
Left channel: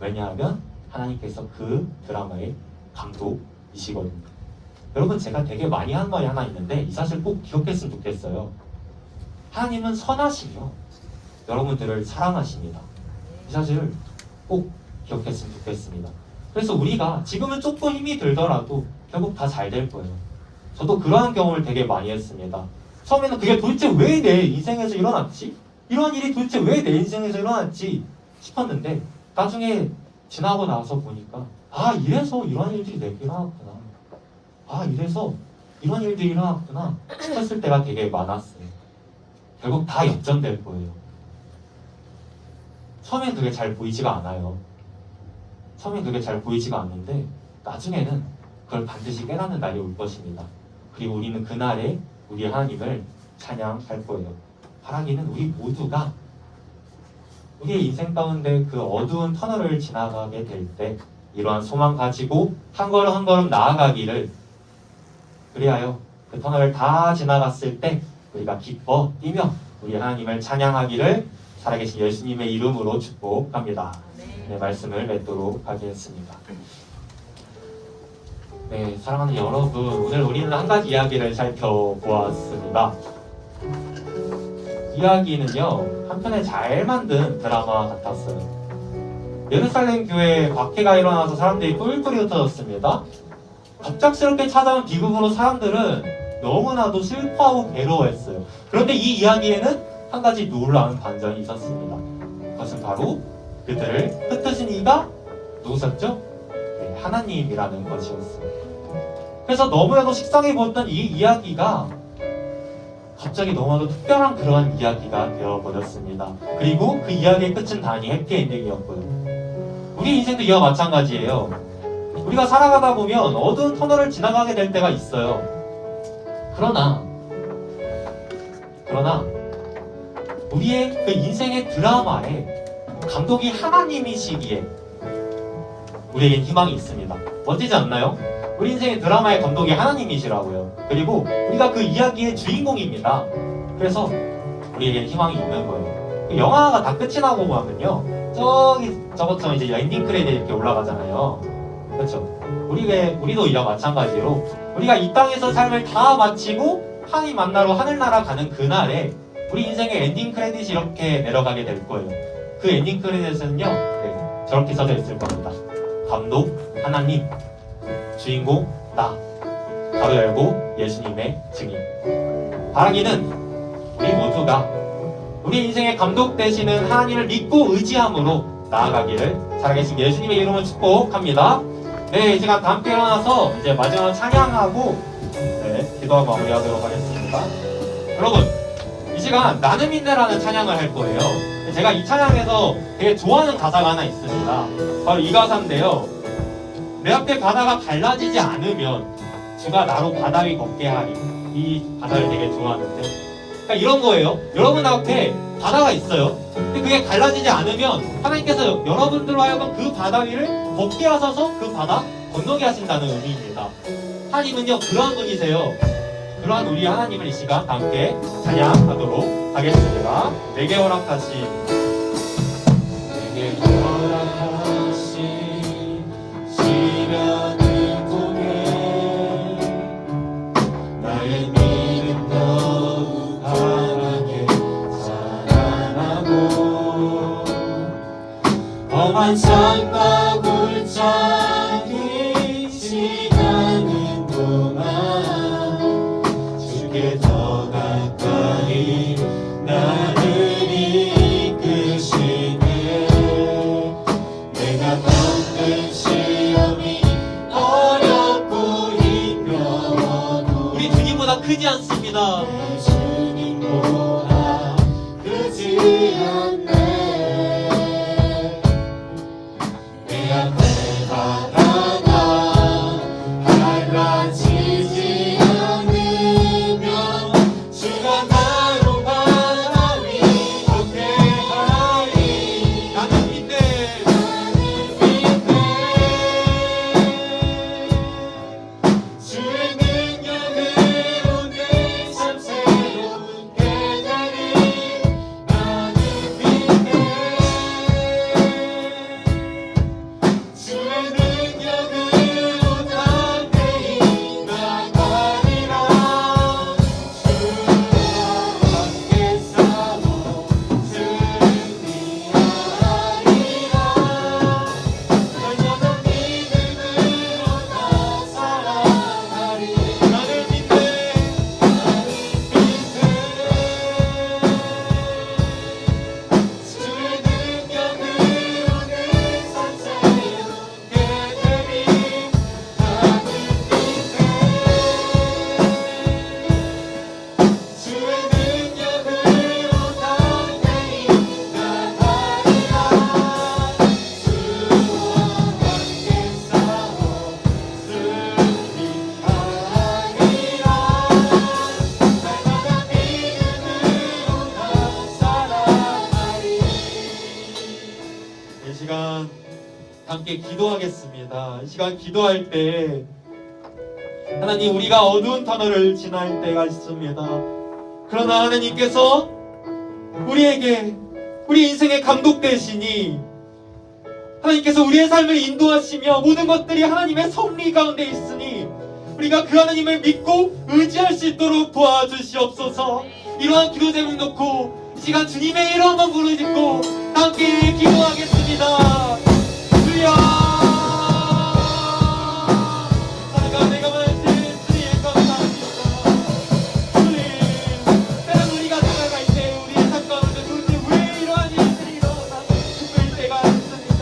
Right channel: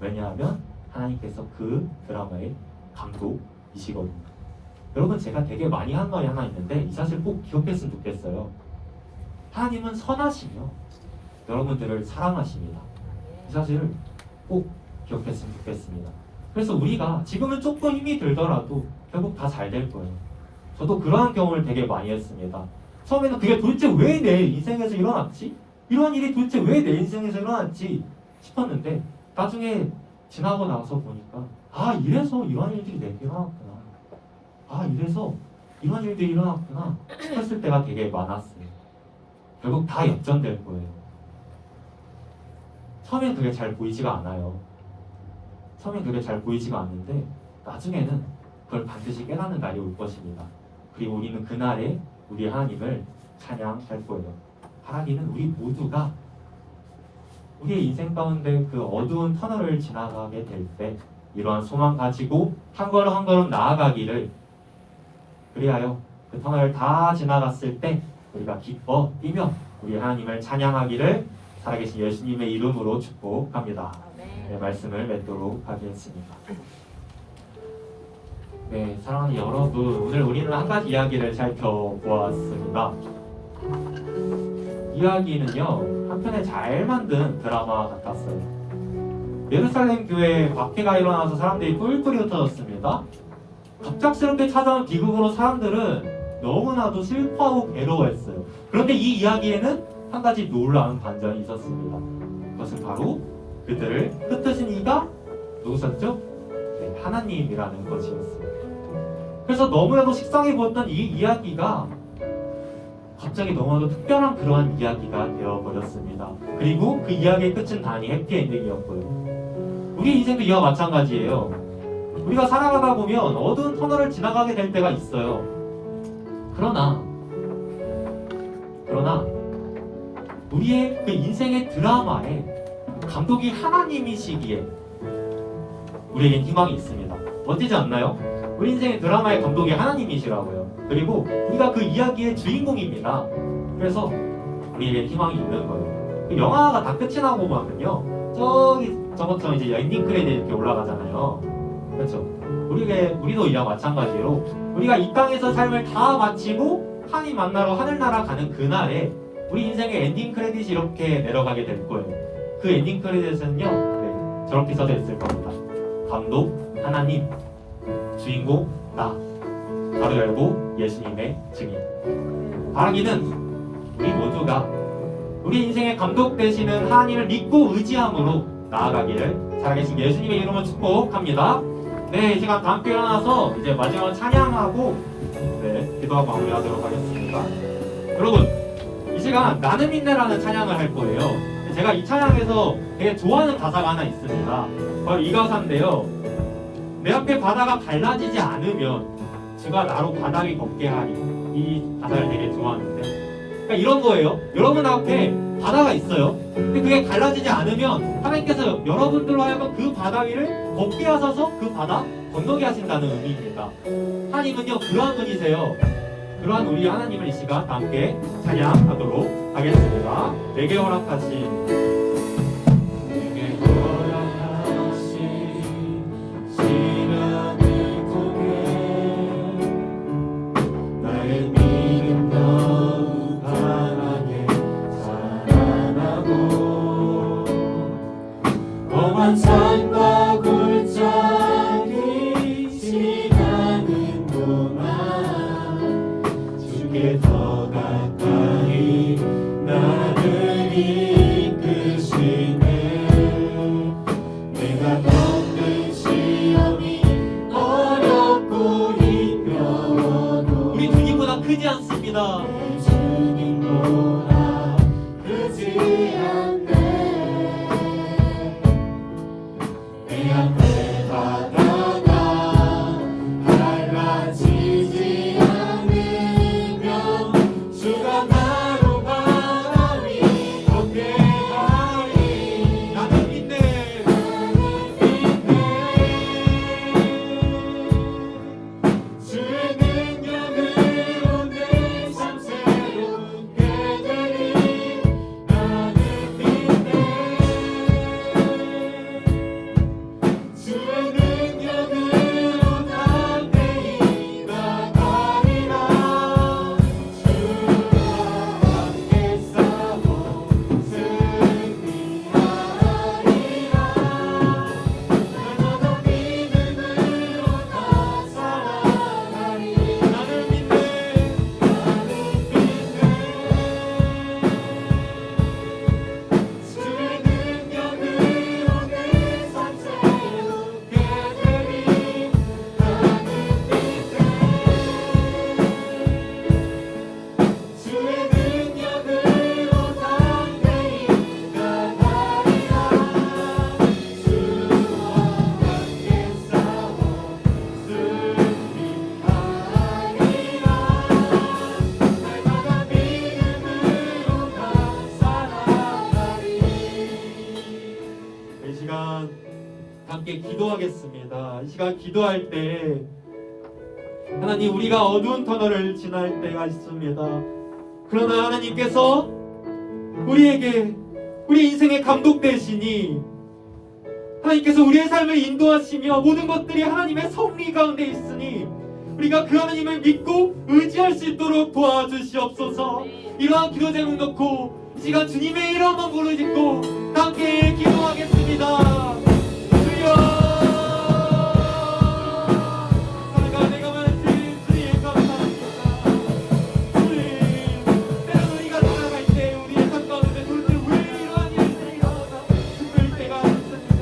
왜냐하면 하나님께서 그 드라마의 감독이시거든요. 여러분, 제가 되게 많이 한 말이 하나 있는데 이 사실 꼭 기억했으면 좋겠어요. 하나님은 선하시며 여러분들을 사랑하십니다. 이 사실을 꼭 기억했으면 좋겠습니다. 그래서 우리가 지금은 조금 힘이 들더라도 결국 다 잘 될 거예요. 저도 그러한 경험을 되게 많이 했습니다. 처음에는 그게 도대체 왜 내 인생에서 일어났지? 이런 일이 도대체 왜 내 인생에서 일어났지? 싶었는데 나중에 지나고 나서 보니까 이래서 이런 일들이 내게 일어났구나. 이래서 이런 일들이 일어났구나 싶었을 때가 되게 많았어요. 결국 다 역전될 거예요. 처음엔 그게 잘 보이지가 않아요. 처음엔 그게 잘 보이지가 않는데 나중에는 그걸 반드시 깨닫는 날이 올 것입니다. 그리고 우리는 그날에 우리 하나님을 찬양할 거예요. 바라기는 우리 모두가 우리의 인생 가운데 그 어두운 터널을 지나가게 될 때 이러한 소망 가지고 한 걸음 한 걸음 나아가기를, 그리하여 그 터널을 다 지나갔을 때 우리가 기뻐 뛰며 우리 하나님을 찬양하기를 살아계신 예수님의 이름으로 축복합니다. 네, 말씀을 맺도록 하겠습니다. 네, 사랑하는 여러분, 오늘 우리는 한 가지 이야기를 살펴보았습니다. 이야기는요, 한편에 잘 만든 드라마 같았어요. 예루살렘 교회에 박해가 일어나서 사람들이 뿔뿔이 흩어졌습니다. 갑작스럽게 찾아온 비극으로 사람들은 너무나도 슬퍼하고 괴로워했어요. 그런데 이 이야기에는 한 가지 놀라운 반전이 있었습니다. 그것은 바로 그들을 흩으신 이가 누구셨죠? 네, 하나님이라는 것이었어요. 그래서 너무나도 식상해 보였던 이 이야기가 갑자기 너무나도 특별한 그러한 이야기가 되어버렸습니다. 그리고 그 이야기의 끝은 당연히 해피엔딩이었고요. 우리 인생도 이와 마찬가지예요. 우리가 살아가다 보면 어두운 터널을 지나가게 될 때가 있어요. 그러나 우리의 그 인생의 드라마에 감독이 하나님이시기에 우리에겐 희망이 있습니다. 멋지지 않나요? 우리 인생의 드라마의 감독이 하나님이시라고요. 그리고 우리가 그 이야기의 주인공입니다. 그래서 우리에겐 희망이 있는 거예요. 그 영화가 다 끝이 나고 보면요, 저것처럼 이제 엔딩 크레딧 이렇게 올라가잖아요. 그렇죠? 우리도 이와 마찬가지로 우리가 이 땅에서 삶을 다 마치고 하나님 만나러 하늘나라 가는 그날에 우리 인생의 엔딩 크레딧이 이렇게 내려가게 될 거예요. 그 엔딩 크레딧은요, 네, 저렇게 써져 있을 겁니다. 감독 하나님, 주인공 나, 가로 열고 예수님의 증인. 바라기는 우리 모두가 우리 인생의 감독 되시는 하나님을 믿고 의지함으로 나아가기를 살아계신 예수님의 이름으로 축복합니다. 네, 이 시간 다 함께 일어나서 이제 마지막 찬양하고 기도하고 마무리하도록 하겠습니다. 여러분, 이 시간 나는 믿네라는 찬양을 할 거예요. 제가 이 찬양에서 되게 좋아하는 가사가 하나 있습니다. 바로 이 가사인데요. 내 앞에 바다가 갈라지지 않으면 주가 나로 바다 위 걷게 하리. 이 가사를 되게 좋아하는데, 그러니까 이런 거예요. 여러분 앞에 바다가 있어요. 근데 그게 갈라지지 않으면 하나님께서 여러분들로 하여금 그 바다 위를 걷게 하셔서 그 바다 건너게 하신다는 의미입니다. 하나님은요, 그러한 분이세요. 그러한 우리 하나님을 이 시간 함께 찬양하도록 하겠습니다. 내게 허락하신 시간을 통해 나의 믿음 더욱 강하게 자라나고 험한 산과 굴착이 시간은 동안 주께 더 가까이 나를 이끄시네. 내가 겪는 시험이 어렵고 힘겨워도 우리 주님보다 크지 않습니다. 내 주님보다 크지 않네. 내 앞에 바다가 갈라지지 않으면 주가 나로 바다 위 걷게 하리. 나는 믿네. 주의 능력으로 내 삶 새롭게 되리. 나는 믿네. 주의 능력으로 담대히 나가리라. 주와 함께 싸워 승리하리라. 날마다 믿음으로 나 살아가리. 나는 믿네. 주의 능력으로 내 삶 새롭게 되리. 나는 믿네. 주의 능력으로 담대히 나가리라. 주와 함께 싸워 승리하리라. 날마다 믿음으로 나 살아가리. 이 시간 함께 기도하겠습니다. 이 시간 기도할 때 하나님, 우리가 어두운 터널을 지날 때가 있습니다. 그러나 하나님께서 우리에게 우리 인생의 감독 되시니 하나님께서 우리의 삶을 인도하시며 모든 것들이 하나님의 섭리 가운데 있으니 우리가 그 하나님을 믿고 의지할 수 있도록 도와주시옵소서. 이러한 기도 제목 놓고 이 시간 주님의 이름만 부르짖고 함께 기도하겠습니다. 주여, 내가 만든 주님 감사합니다. 주님, 때는 우리가 살아갈 때 우리의 삶 가운데 도대체 왜 이러한 일들이 일어나 죽을 때가 있습니다.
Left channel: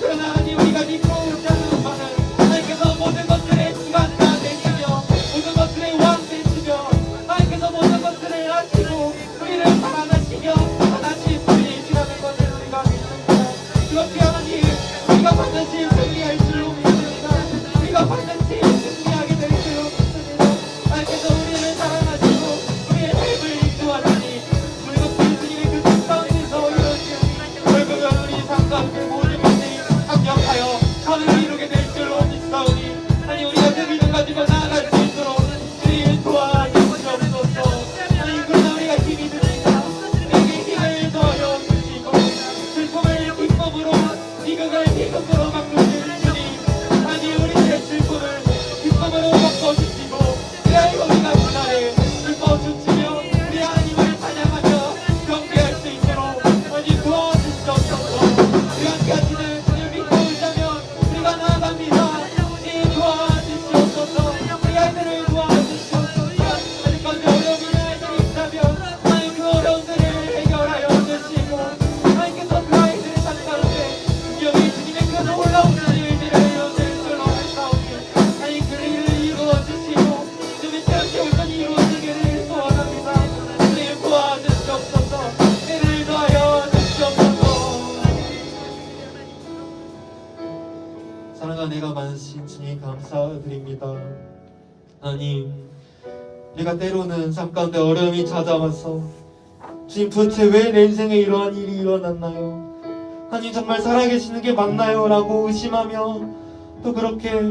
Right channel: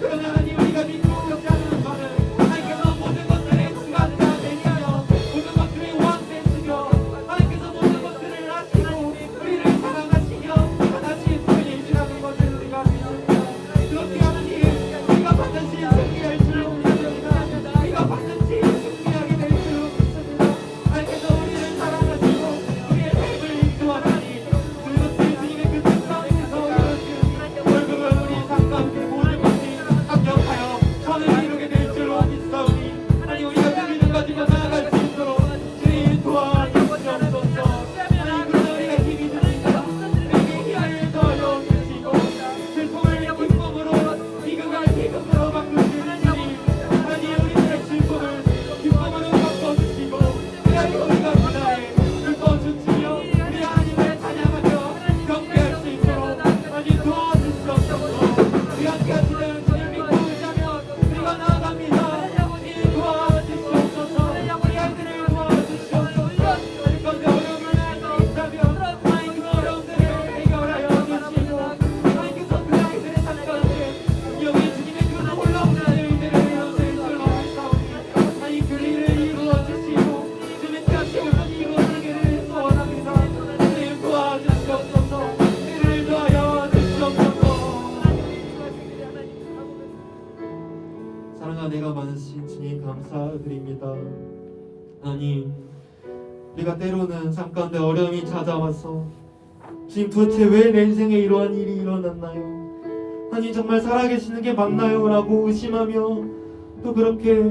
그러나 하나님, 우리가 믿고 의지하는 바는 하나님께서 모든 것들의 주관자 되시며 모든 것들의 왕 되시며 하나님께서 모든 것들을 하시고 우리를 사랑하시며 하나님 주님이시라는 것을 우리가 믿습니다. 그렇게 하나님, 우리가 반드시 승리할 줄 믿습니다. 우리가 반드시 승리하게 될 줄 믿습니다. 하나님께서 우리를 사랑하시고 우리의 삶을 인도하시니 물급히 주님의 그 삶 가운데서 결국은 우리 삶 가운데 모든 것들이 합력하여 선을 이루게 될 줄 믿사오니 하나님, 우리가 그 믿음 가지고 나아갈 수 있도록 주님 도와주시옵소서. 하나님, 그러나 우리가 힘이 듭니다. 내게 힘을 더하여 주시고 슬픔을 기쁨으로 비극을 기쁨으로 바꾸시니 하나님, 우리의 슬픔을 기쁨으로 바꿔주시고 그리하여 우리가 그날에 기쁨을 사랑과 은혜가 많으신 주님 감사드립니다. 하나님, 우리가 때로는 삶 가운데 어려움이 찾아와서 주님 도대체 왜 내 인생에 이러한 일이 일어났나요? 하나님 정말 살아계시는 게 맞나요? 라고 의심하며 또 그렇게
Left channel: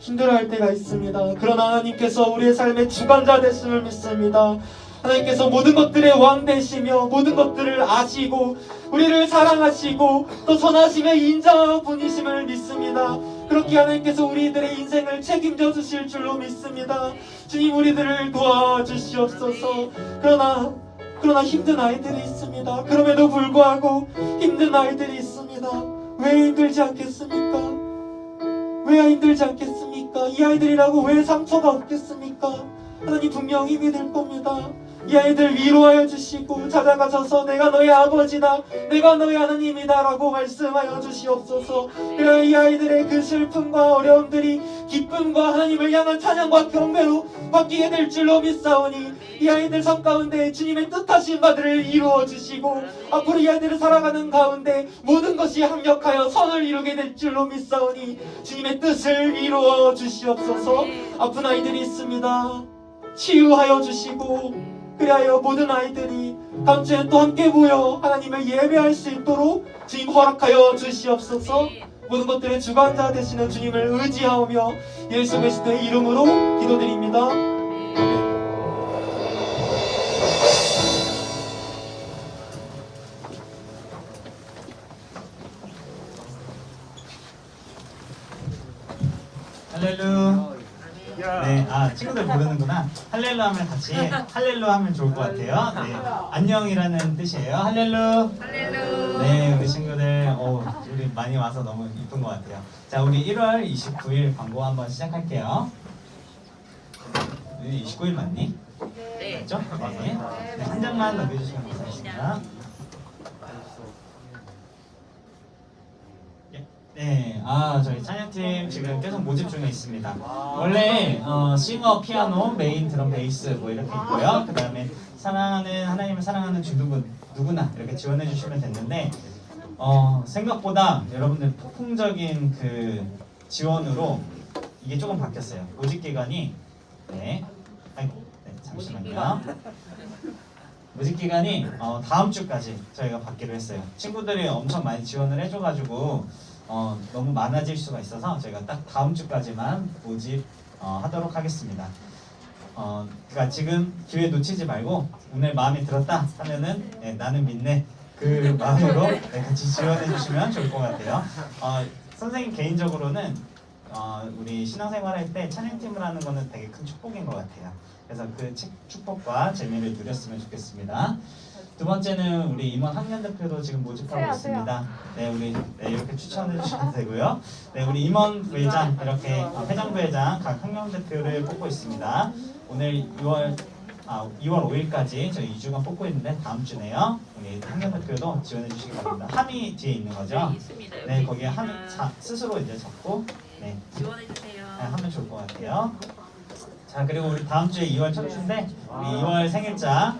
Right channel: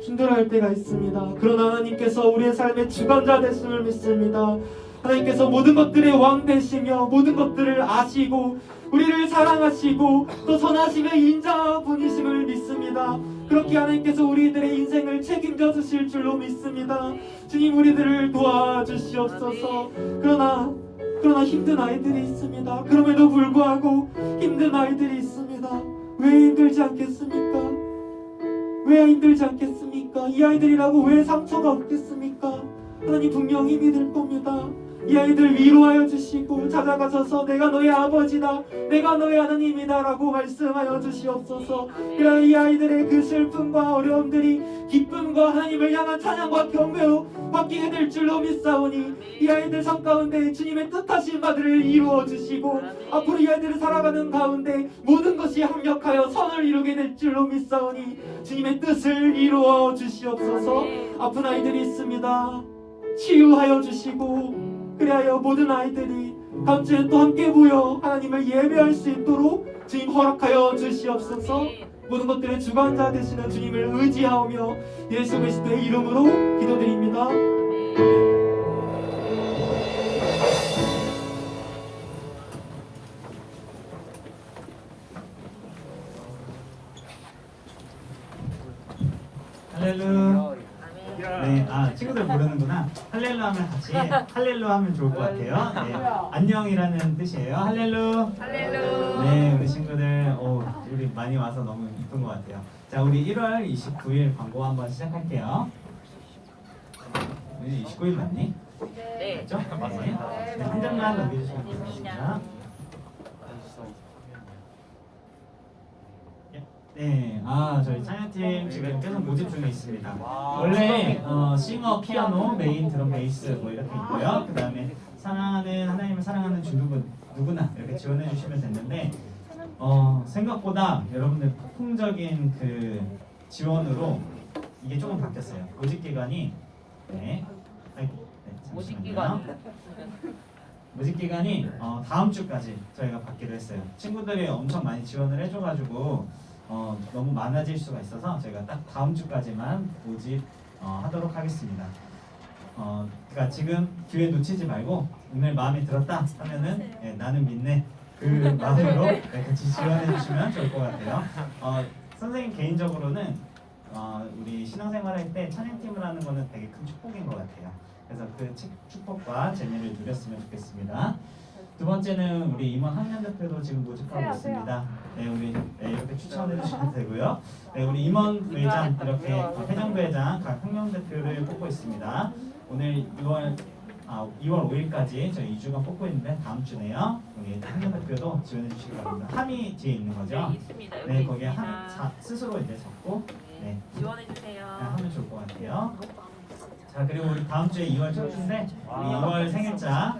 힘들어할 때가 있습니다. 그러나 하나님께서 우리의 삶의 주관자 되심을 믿습니다. 하나님께서 모든 것들의 왕 되시며 모든 것들을 아시고 우리를 사랑하시고 또 선하시며 인자분이심을 믿습니다. 그렇게 하나님께서 우리들의 인생을 책임져 주실 줄로 믿습니다. 주님, 우리들을 도와주시옵소서. 그러나 힘든 아이들이 있습니다. 그럼에도 불구하고 힘든 아이들이 있습니다. 왜 힘들지 않겠습니까? 왜 힘들지 않겠습니까? 이 아이들이라고 왜 상처가 없겠습니까? 하나님 분명 힘이 될 겁니다. 이 아이들 위로하여 주시고 찾아가셔서 내가 너의 아버지다, 내가 너의 하나님이다 라고 말씀하여 주시옵소서. 그래야 이 아이들의 그 슬픔과 어려움들이 기쁨과 하나님을 향한 찬양과 경배로 바뀌게 될 줄로 믿사오니 이 아이들 삶 가운데 주님의 뜻하신 바들을 이루어 주시고 앞으로 이 아이들을 살아가는 가운데 모든 것이 합력하여 선을 이루게 될 줄로 믿사오니 주님의 뜻을 이루어 주시옵소서. 아픈 아이들이 있습니다. 치유하여 주시고 그리하여 모든 아이들이 다음 주에 또 함께 모여 하나님을 예배할 수 있도록 주님 허락하여 주시옵소서. 모든 것들의 주관자 되시는 주님을 의지하며 예수 그리스도의 이름으로 기도드립니다. 할렐루. 네, 친구들 모르는구나. 할렐루 하면 같이 할렐루 하면 좋을 것 같아요. 네, 안녕이라는 뜻이에요. 할렐루. 네, 우리 친구들, 우리 많이 와서 너무 이쁜 것 같아요. 자, 우리 1월 29일 광고 한번 시작할게요. 29일 맞니? 네. 맞죠? 네. 네, 한 장만 넘겨주시면 되겠습니다. 네, 저희 찬양팀 지금 계속 모집 중에 있습니다. 원래 싱어, 피아노, 메인, 드럼, 베이스 뭐 이렇게 있고요. 그 다음에 사랑하는 하나님을 사랑하는 주누구 누구나 이렇게 지원해 주시면 됐는데 생각보다 여러분들 폭풍적인 그 지원으로 이게 조금 바뀌었어요. 모집 기간이 잠시만요. 모집 기간이 다음 주까지 저희가 받기로 했어요. 친구들이 엄청 많이 지원을 해줘가지고 너무 많아질 수가 있어서 저희가 딱 다음 주까지만 모집 하도록 하겠습니다. 그러니까 지금 기회 놓치지 말고 오늘 마음에 들었다 하면은 나는 믿네 그 마음으로 같이 지원해 주시면 좋을 것 같아요. 선생님 개인적으로는 우리 신앙생활 할 때 찬양팀을 하는 거는 되게 큰 축복인 것 같아요. 그래서 그 축복과 재미를 누렸으면 좋겠습니다. 두 번째는 우리 임원 학년 대표도 지금 모집하고 있습니다. 네, 우리 이렇게 추천해 주시면 되고요. 네, 우리 임원 부회장 이렇게 회장 부회장 각 학년 대표를 뽑고 있습니다. 오늘 2월 5일까지 저희 2주간 뽑고 있는데 다음 주네요. 우리 학년 대표도 지원해 주시기 바랍니다. 함이 뒤에 있는 거죠? 네, 있습니다. 네, 거기에 함 스스로 이제 적고 지원해 주세요. 하면 좋을 것 같아요. 자, 그리고 우리 다음 주에 2월 첫 주인데 우리 2월 생일자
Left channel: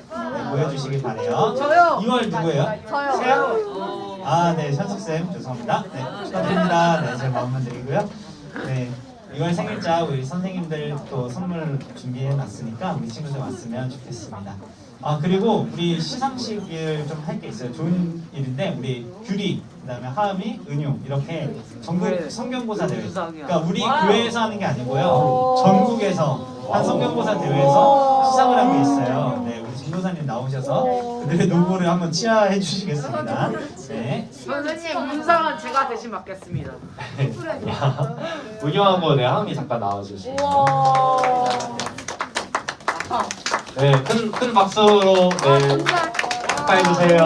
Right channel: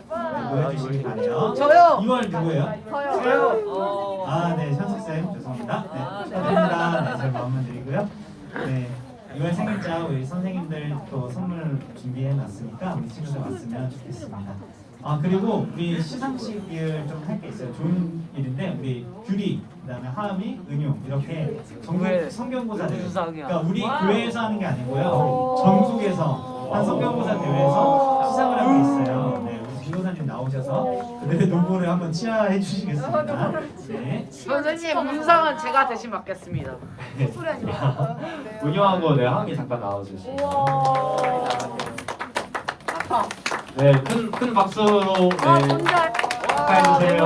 모여주시기 바래요. 저요. 2월 누구예요? 저요. 네, 현숙쌤 죄송합니다. 네, 축하드립니다. 네, 제가 마음만 드리고요. 네, 2월 생일자 우리 선생님들 또 선물 준비해놨으니까 우리 친구들 왔으면 좋겠습니다. 그리고 우리 시상식을 좀 할 게 있어요. 좋은 일인데 우리 규리, 그다음에 하음이, 은용 이렇게 전국 성경고사 대회. 그러니까 우리 교회에서 하는 게 아니고요. 전국에서 한 성경고사 대회에서 시상을 한 게 있어요. 네, 우리 진도사님 나오셔서 그들의 노고를 한번 치하해 주시겠습니다. 네. 선생님 문상은 제가 대신 맡겠습니다. 운영하고 하음이 잠깐 나와주시면. 네, 큰 박수로 축하해주세요.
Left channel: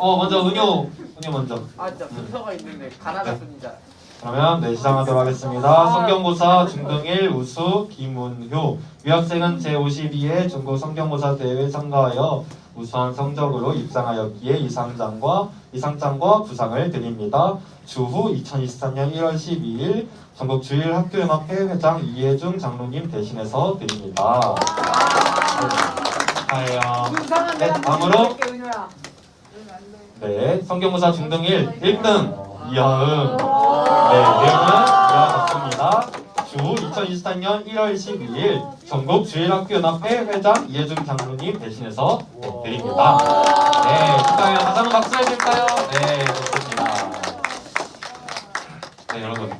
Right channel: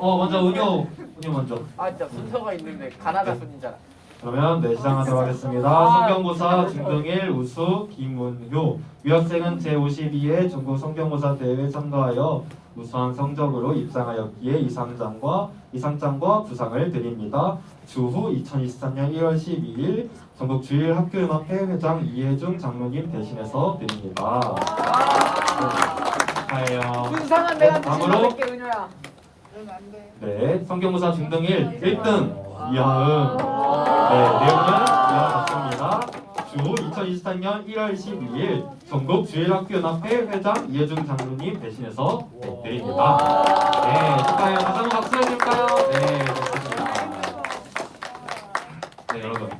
먼저 은효 먼저. 진짜 순서가 있는데 가나다입니다. 그러면 시작하도록 하겠습니다. 성경고사 중등1 우수 김문효. 위학생은 제52회 중국 성경고사 대회에 참가하여 우수한 성적으로 입상하였기에 이상장과 부상을 드립니다. 주후 2023년 1월 12일 전국 주일 학교연합회 회장 이혜중 장로님 대신해서 드립니다. 축하해요. 다음으로 네, 성경고사 중등 1등 이영은. 네, 내용은 이와 같습니다. 주 2024년 1월 12일 전국 주일학교연합회 회장 이혜중 장로님 대신해서 드립니다. 네, 축하해요. 다시 한번 박수 해줄까요? 네, 좋습니다. 네, 여러분.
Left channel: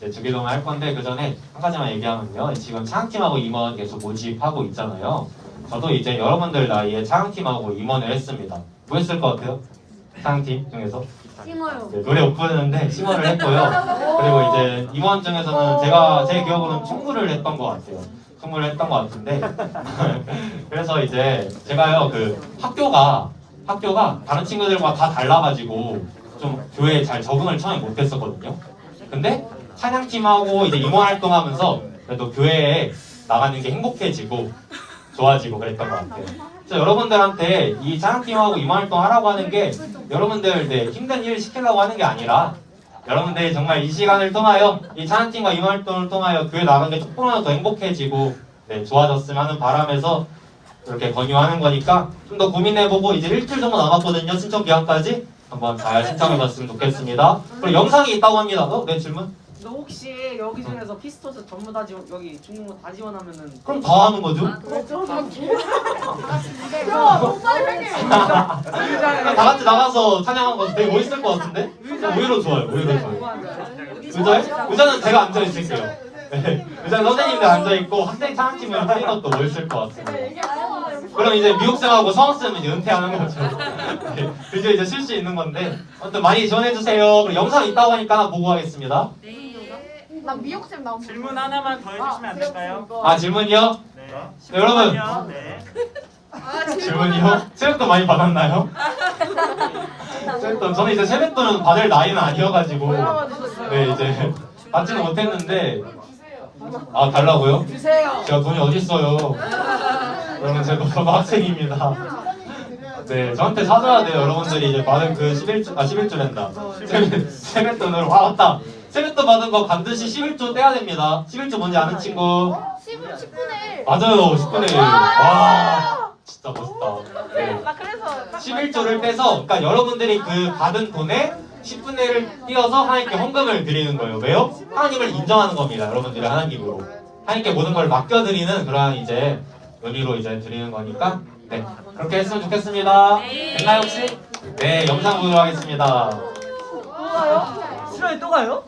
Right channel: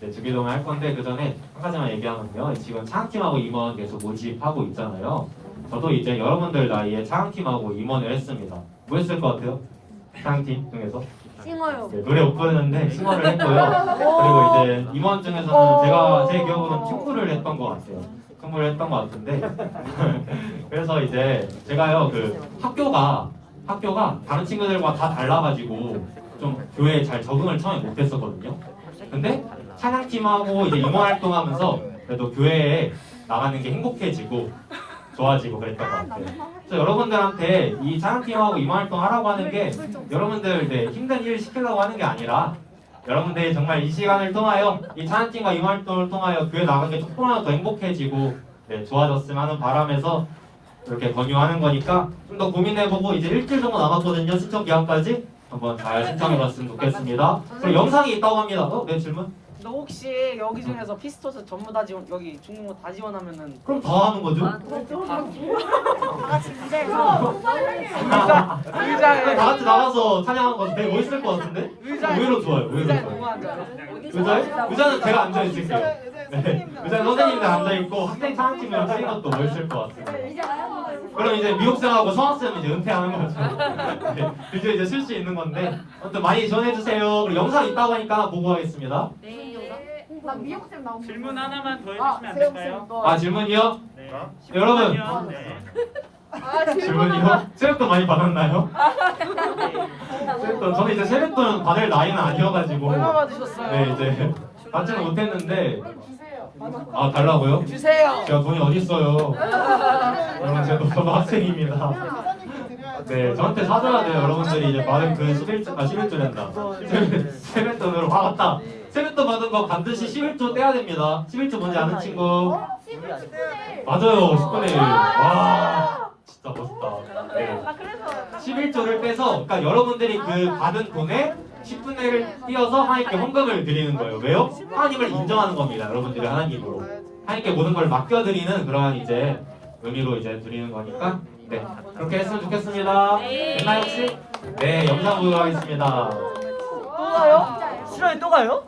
네, 주기도문 할 건데 그 전에 한 가지만 얘기하면요. 지금 창팀하고 임원 계속 모집하고 있잖아요. 저도 이제 여러분들 나이에 창팀하고 임원을 했습니다. 뭐 했을 것 같아요? 창팀 중에서? 네, 노래 못 부르는데 싱어를 했고요. 그리고 이제 임원 중에서는 제가 제 기억으로는 총무를 했던 것 같아요. 총무를 했던 것 같은데 그래서 이제 제가요 그 학교가 다른 친구들과 다 달라가지고 좀 교회에 잘 적응을 처음에 못했었거든요. 근데 찬양팀하고 이제 임원 활동하면서 그래도 교회에 나가는 게 행복해지고 좋아지고 그랬던 것 같아요. 그래서 여러분들한테 이 찬양팀하고 임원 활동 하라고 하는 게 여러분들 네, 힘든 일 시키려고 하는 게 아니라 여러분들이 정말 이 시간을 통하여 이 찬양팀과 임원 활동을 통하여 교회 나가는 게 조금이라도 더 행복해지고 네, 좋아졌으면 하는 바람에서 이렇게 권유하는 거니까 좀 더 고민해보고 이제 일주일 정도 남았거든요. 신청 기한까지 한번 잘 신청해봤으면 좋겠습니다. 그리고 영상이 있다고 합니다. 네, 질문? 근데 혹시 여기 중에서 피스토스 전부 다 지원 여기 중국어 다 지원하면은 그럼 다 하는 거죠? 그럼 다 같이 나가서 찬양한 거 되게 멋있을 것 같은데? 오히려 좋아요. 오히려 좋아요. 의자는 제가 앉아 있을게요. 네. 의자는 선생님들 앉아 있고 학생 찬양팀을 하는 것도 멋있을 것 같습니다. 그럼 이제 미국생하고 성학생은 이제 은퇴하는 거죠. 네. 드디어 이제 쉴 수 있는 건데 아무튼 많이 지원해 주세요. 그리고 영상 있다고 하니까 하나 보고 가겠습니다. 질문 하나만 더 해주시면 안 될까요? 아 질문이요? 네. 여러분 네. 질문이요? 세뱃돈 많이 받았나요? 세뱃돈 저는 이제 세뱃돈 받을 나이는 아니어가지고 네 이제 받지는 못했는데 아 달라고요? 주세요. 제가 돈이 어딨어요? 여러분 제가 너무 학생입니다. 네 저한테 사줘야 돼요. 여러분들이 이제 받은 그 11주랜다. 세뱃돈으로 맞다. 세뱃돈 받은 거 반드시 11조 떼야 됩니다. 11조 뭔지 아는 친구? 10분의 1. 맞아요. 10분의 1. 와 진짜 멋있다. 네. 11조를 빼서 그러니까 여러분들이 그 받은 돈에 10분의 1을 띄어서 하나님께 헌금을 드리는 거예요. 왜요? 하나님을 인정하는 겁니다. 여러분들이 하나님으로 하나님께 모든 걸 맡겨드리는 그러한 이제 의미로 이제 드리는 거니까 네 그렇게 했으면 좋겠습니다. 됐나요 혹시? 네 영상 보도록 하겠습니다. 시간이 또 가요?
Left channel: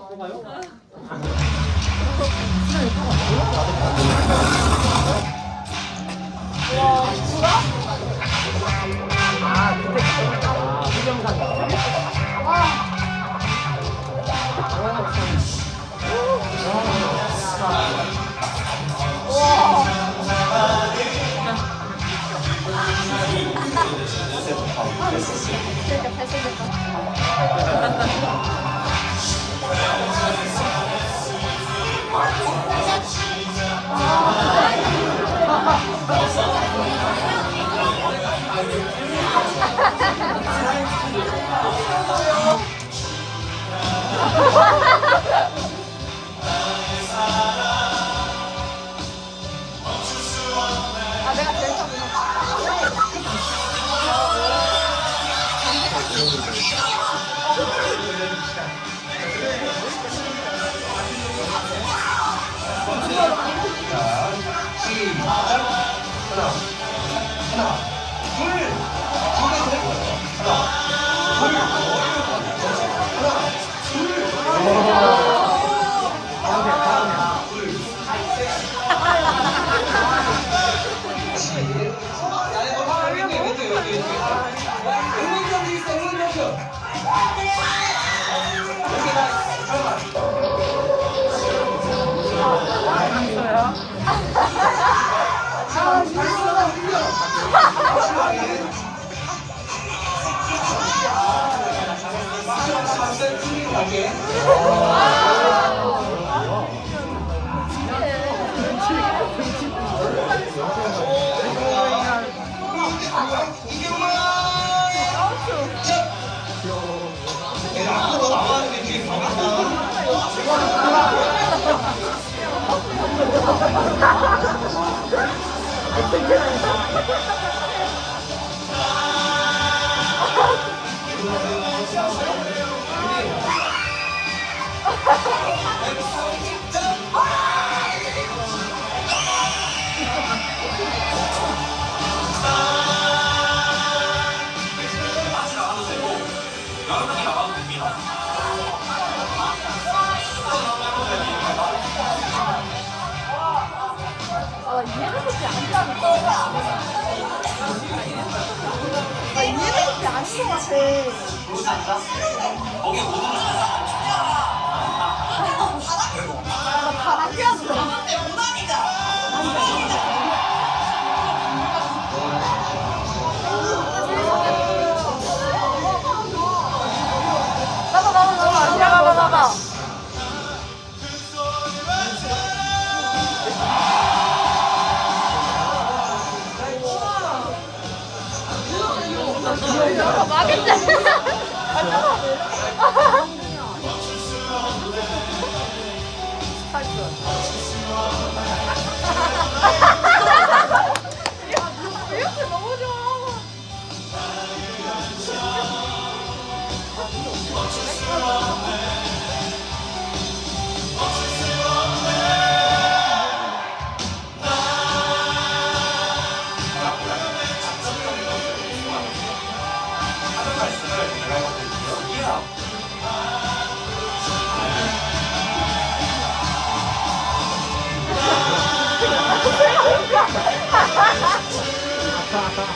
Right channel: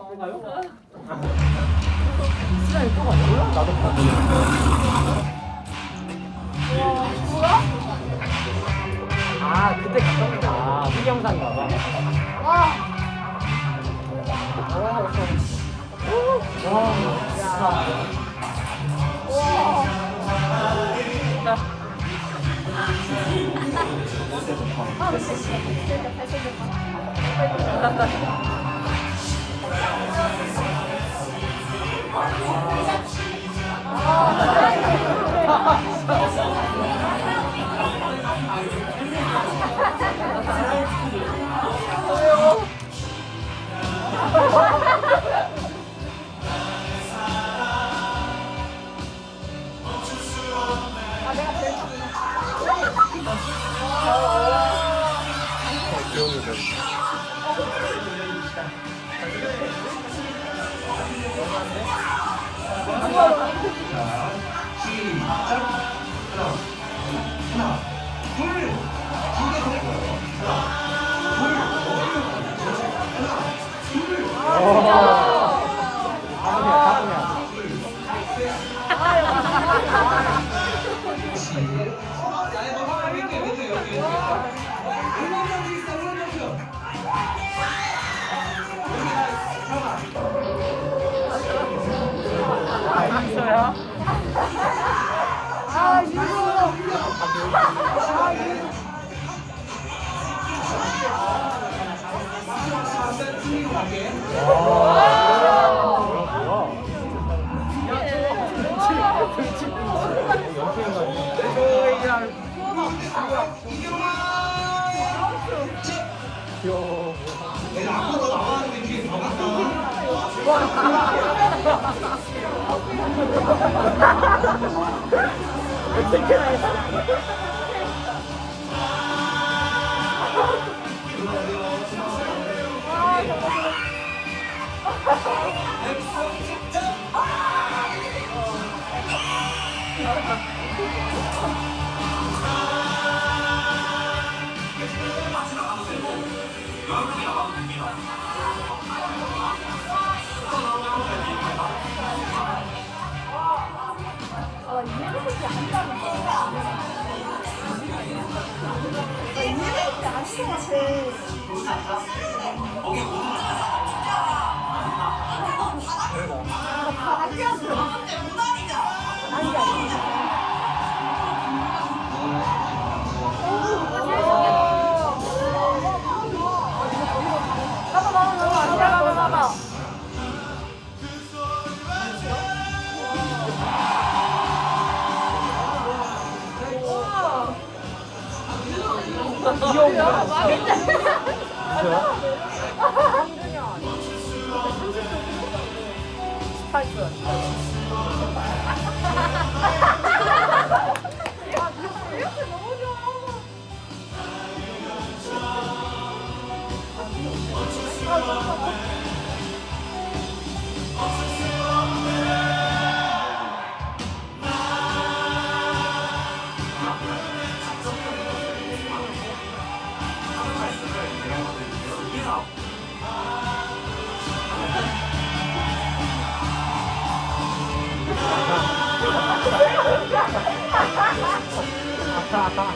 나가.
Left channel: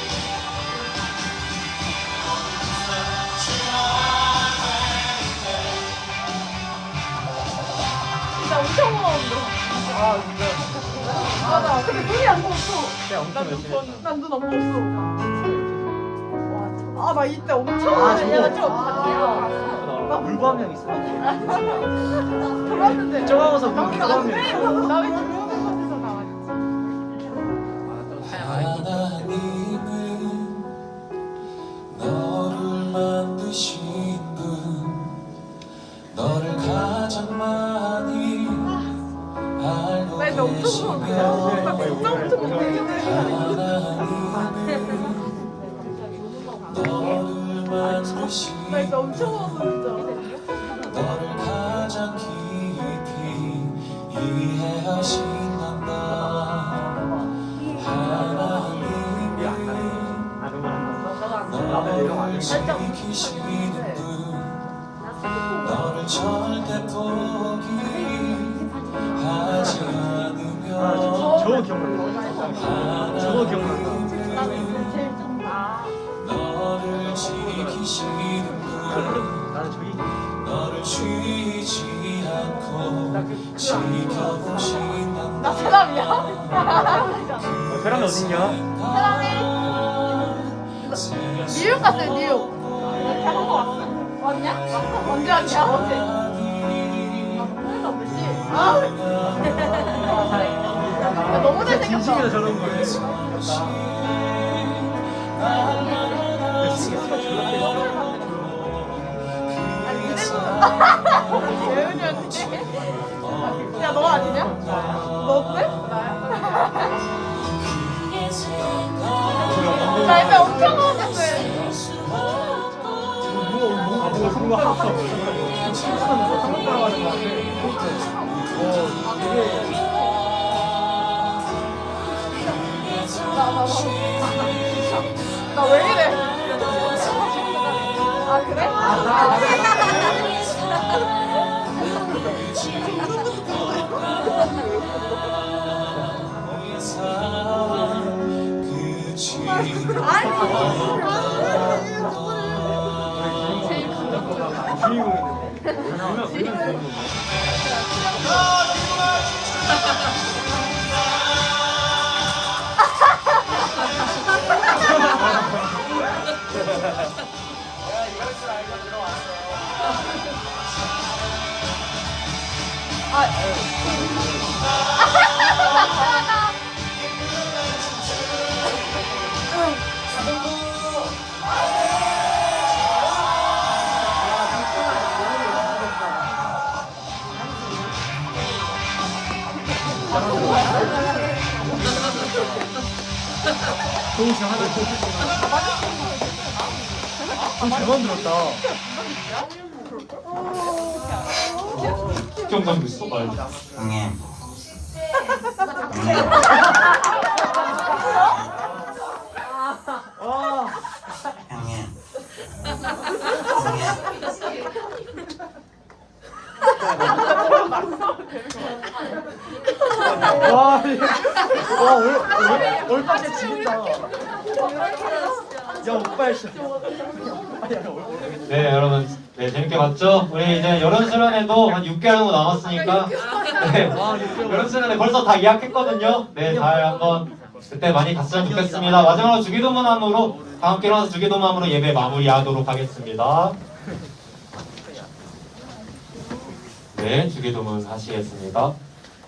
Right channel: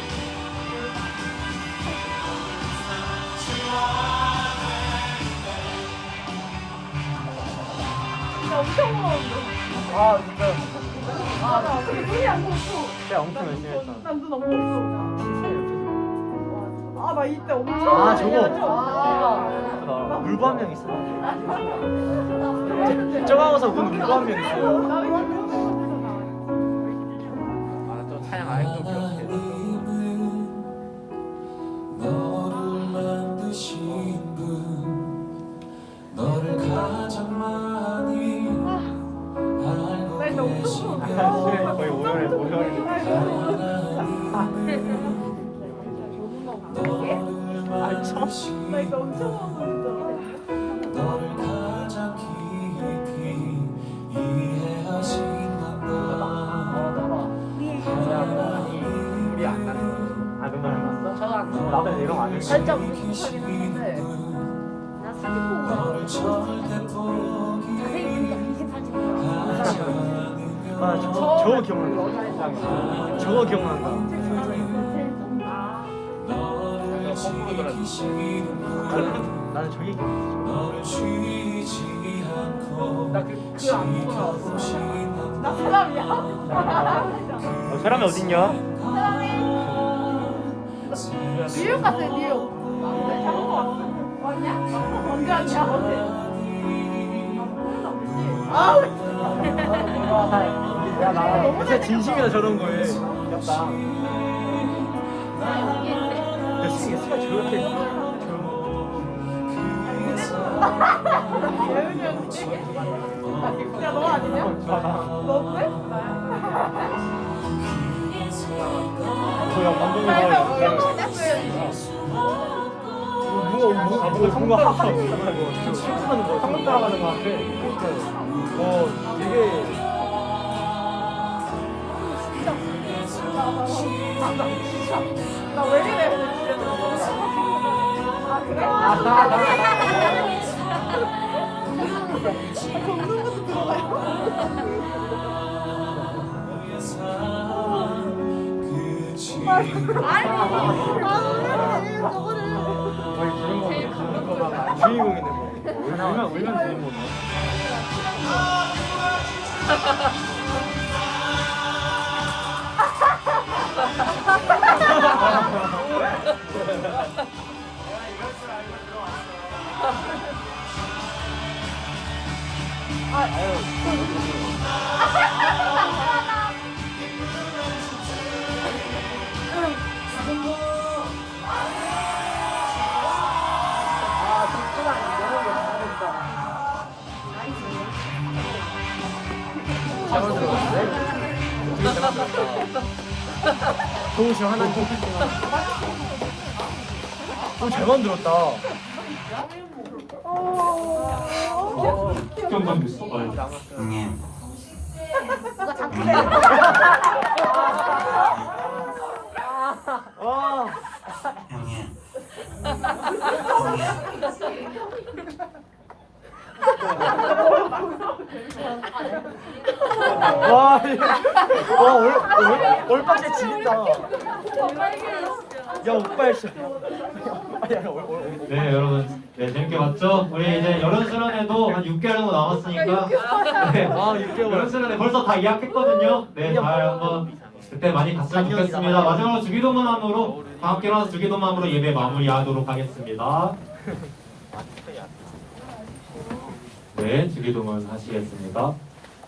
난눈 없어. 아, 나 이때 엄청 나 물고 한 명 있어. 놀랐는데. 저거 가서 눈 물고 한 명 있어. 나왜 들어오는 하나님은 너를 만드신 분, 너를 가장 많이 알고 나 이제 엄청 계시며 하나님은 너를 만드신 나 이거 엄청 웃었어. 너를 가장 깊이 이해하신단다. 하나님은 너를 지키시는 분, 너를 절대 포기하지 않으며 저거 기억나. 저거 기억나. 너를 지키시는 분, 나도 저기. 너를 쉬지 않고 지켜보신단다. 나 부담이야. 사람이 어딨냐? 뉴욕 갔어요, 뉴욕. 왔냐? 언제 왔냐? 어제. 어? 너무 진짜 잘생겼어. 진심이다 저런 거. 예은이 언니. 야, 너 아니냐? 너 어때? 나야. 나 이제 엄청 먹었어요. 이거 성공하고 친구는 뭐 한국 따라가는 거 같아. 되게 나 왜 이래? 아, 그래? 주인공이네. 얼마나 주인공이네. 잘 만들었다. 경상도 있어. 빨리. 형님. 형님. 와, 올빠게 지겠다. 네 여러분 네 재밌게 봤죠? 우리 이제 여름 수련회도 한 6개월 정도 남았으니까 네 여름 수련회 벌써 다 예약했거든요. 네 잘 한번 그때 많이 갔으면 좋겠습니다. 마지막으로 주기도문함으로 다 함께 일어나서 주기도문함으로 예배 마무리하도록 하겠습니다. 네 주기도문 하시겠습니다.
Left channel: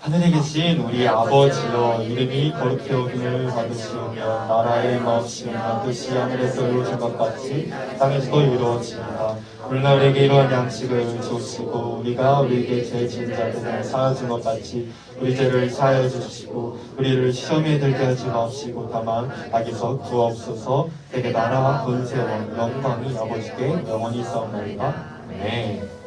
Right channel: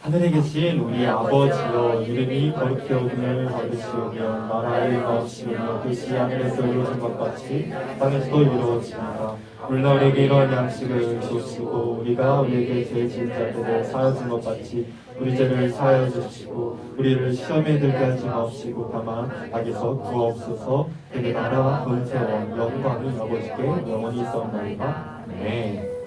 하늘에 계신 우리 아버지여 이름이 거룩히 여김을 받으시오며 나라의 마옵시며 뜻이 하늘에서 이루어진 것 같이 땅에서도 이루어집니다. 오늘날에게 이러한 양식을 주시고 우리가 우리에게 죄 지은 자들을 사하여 준 것 같이 우리 죄를 사하여 주시고 우리를 시험에 들게 하지 마옵시고 다만 악에서 구하옵소서. 내게 나라와 권세와 영광이 아버지께 영원히 있사옵나이다. 네.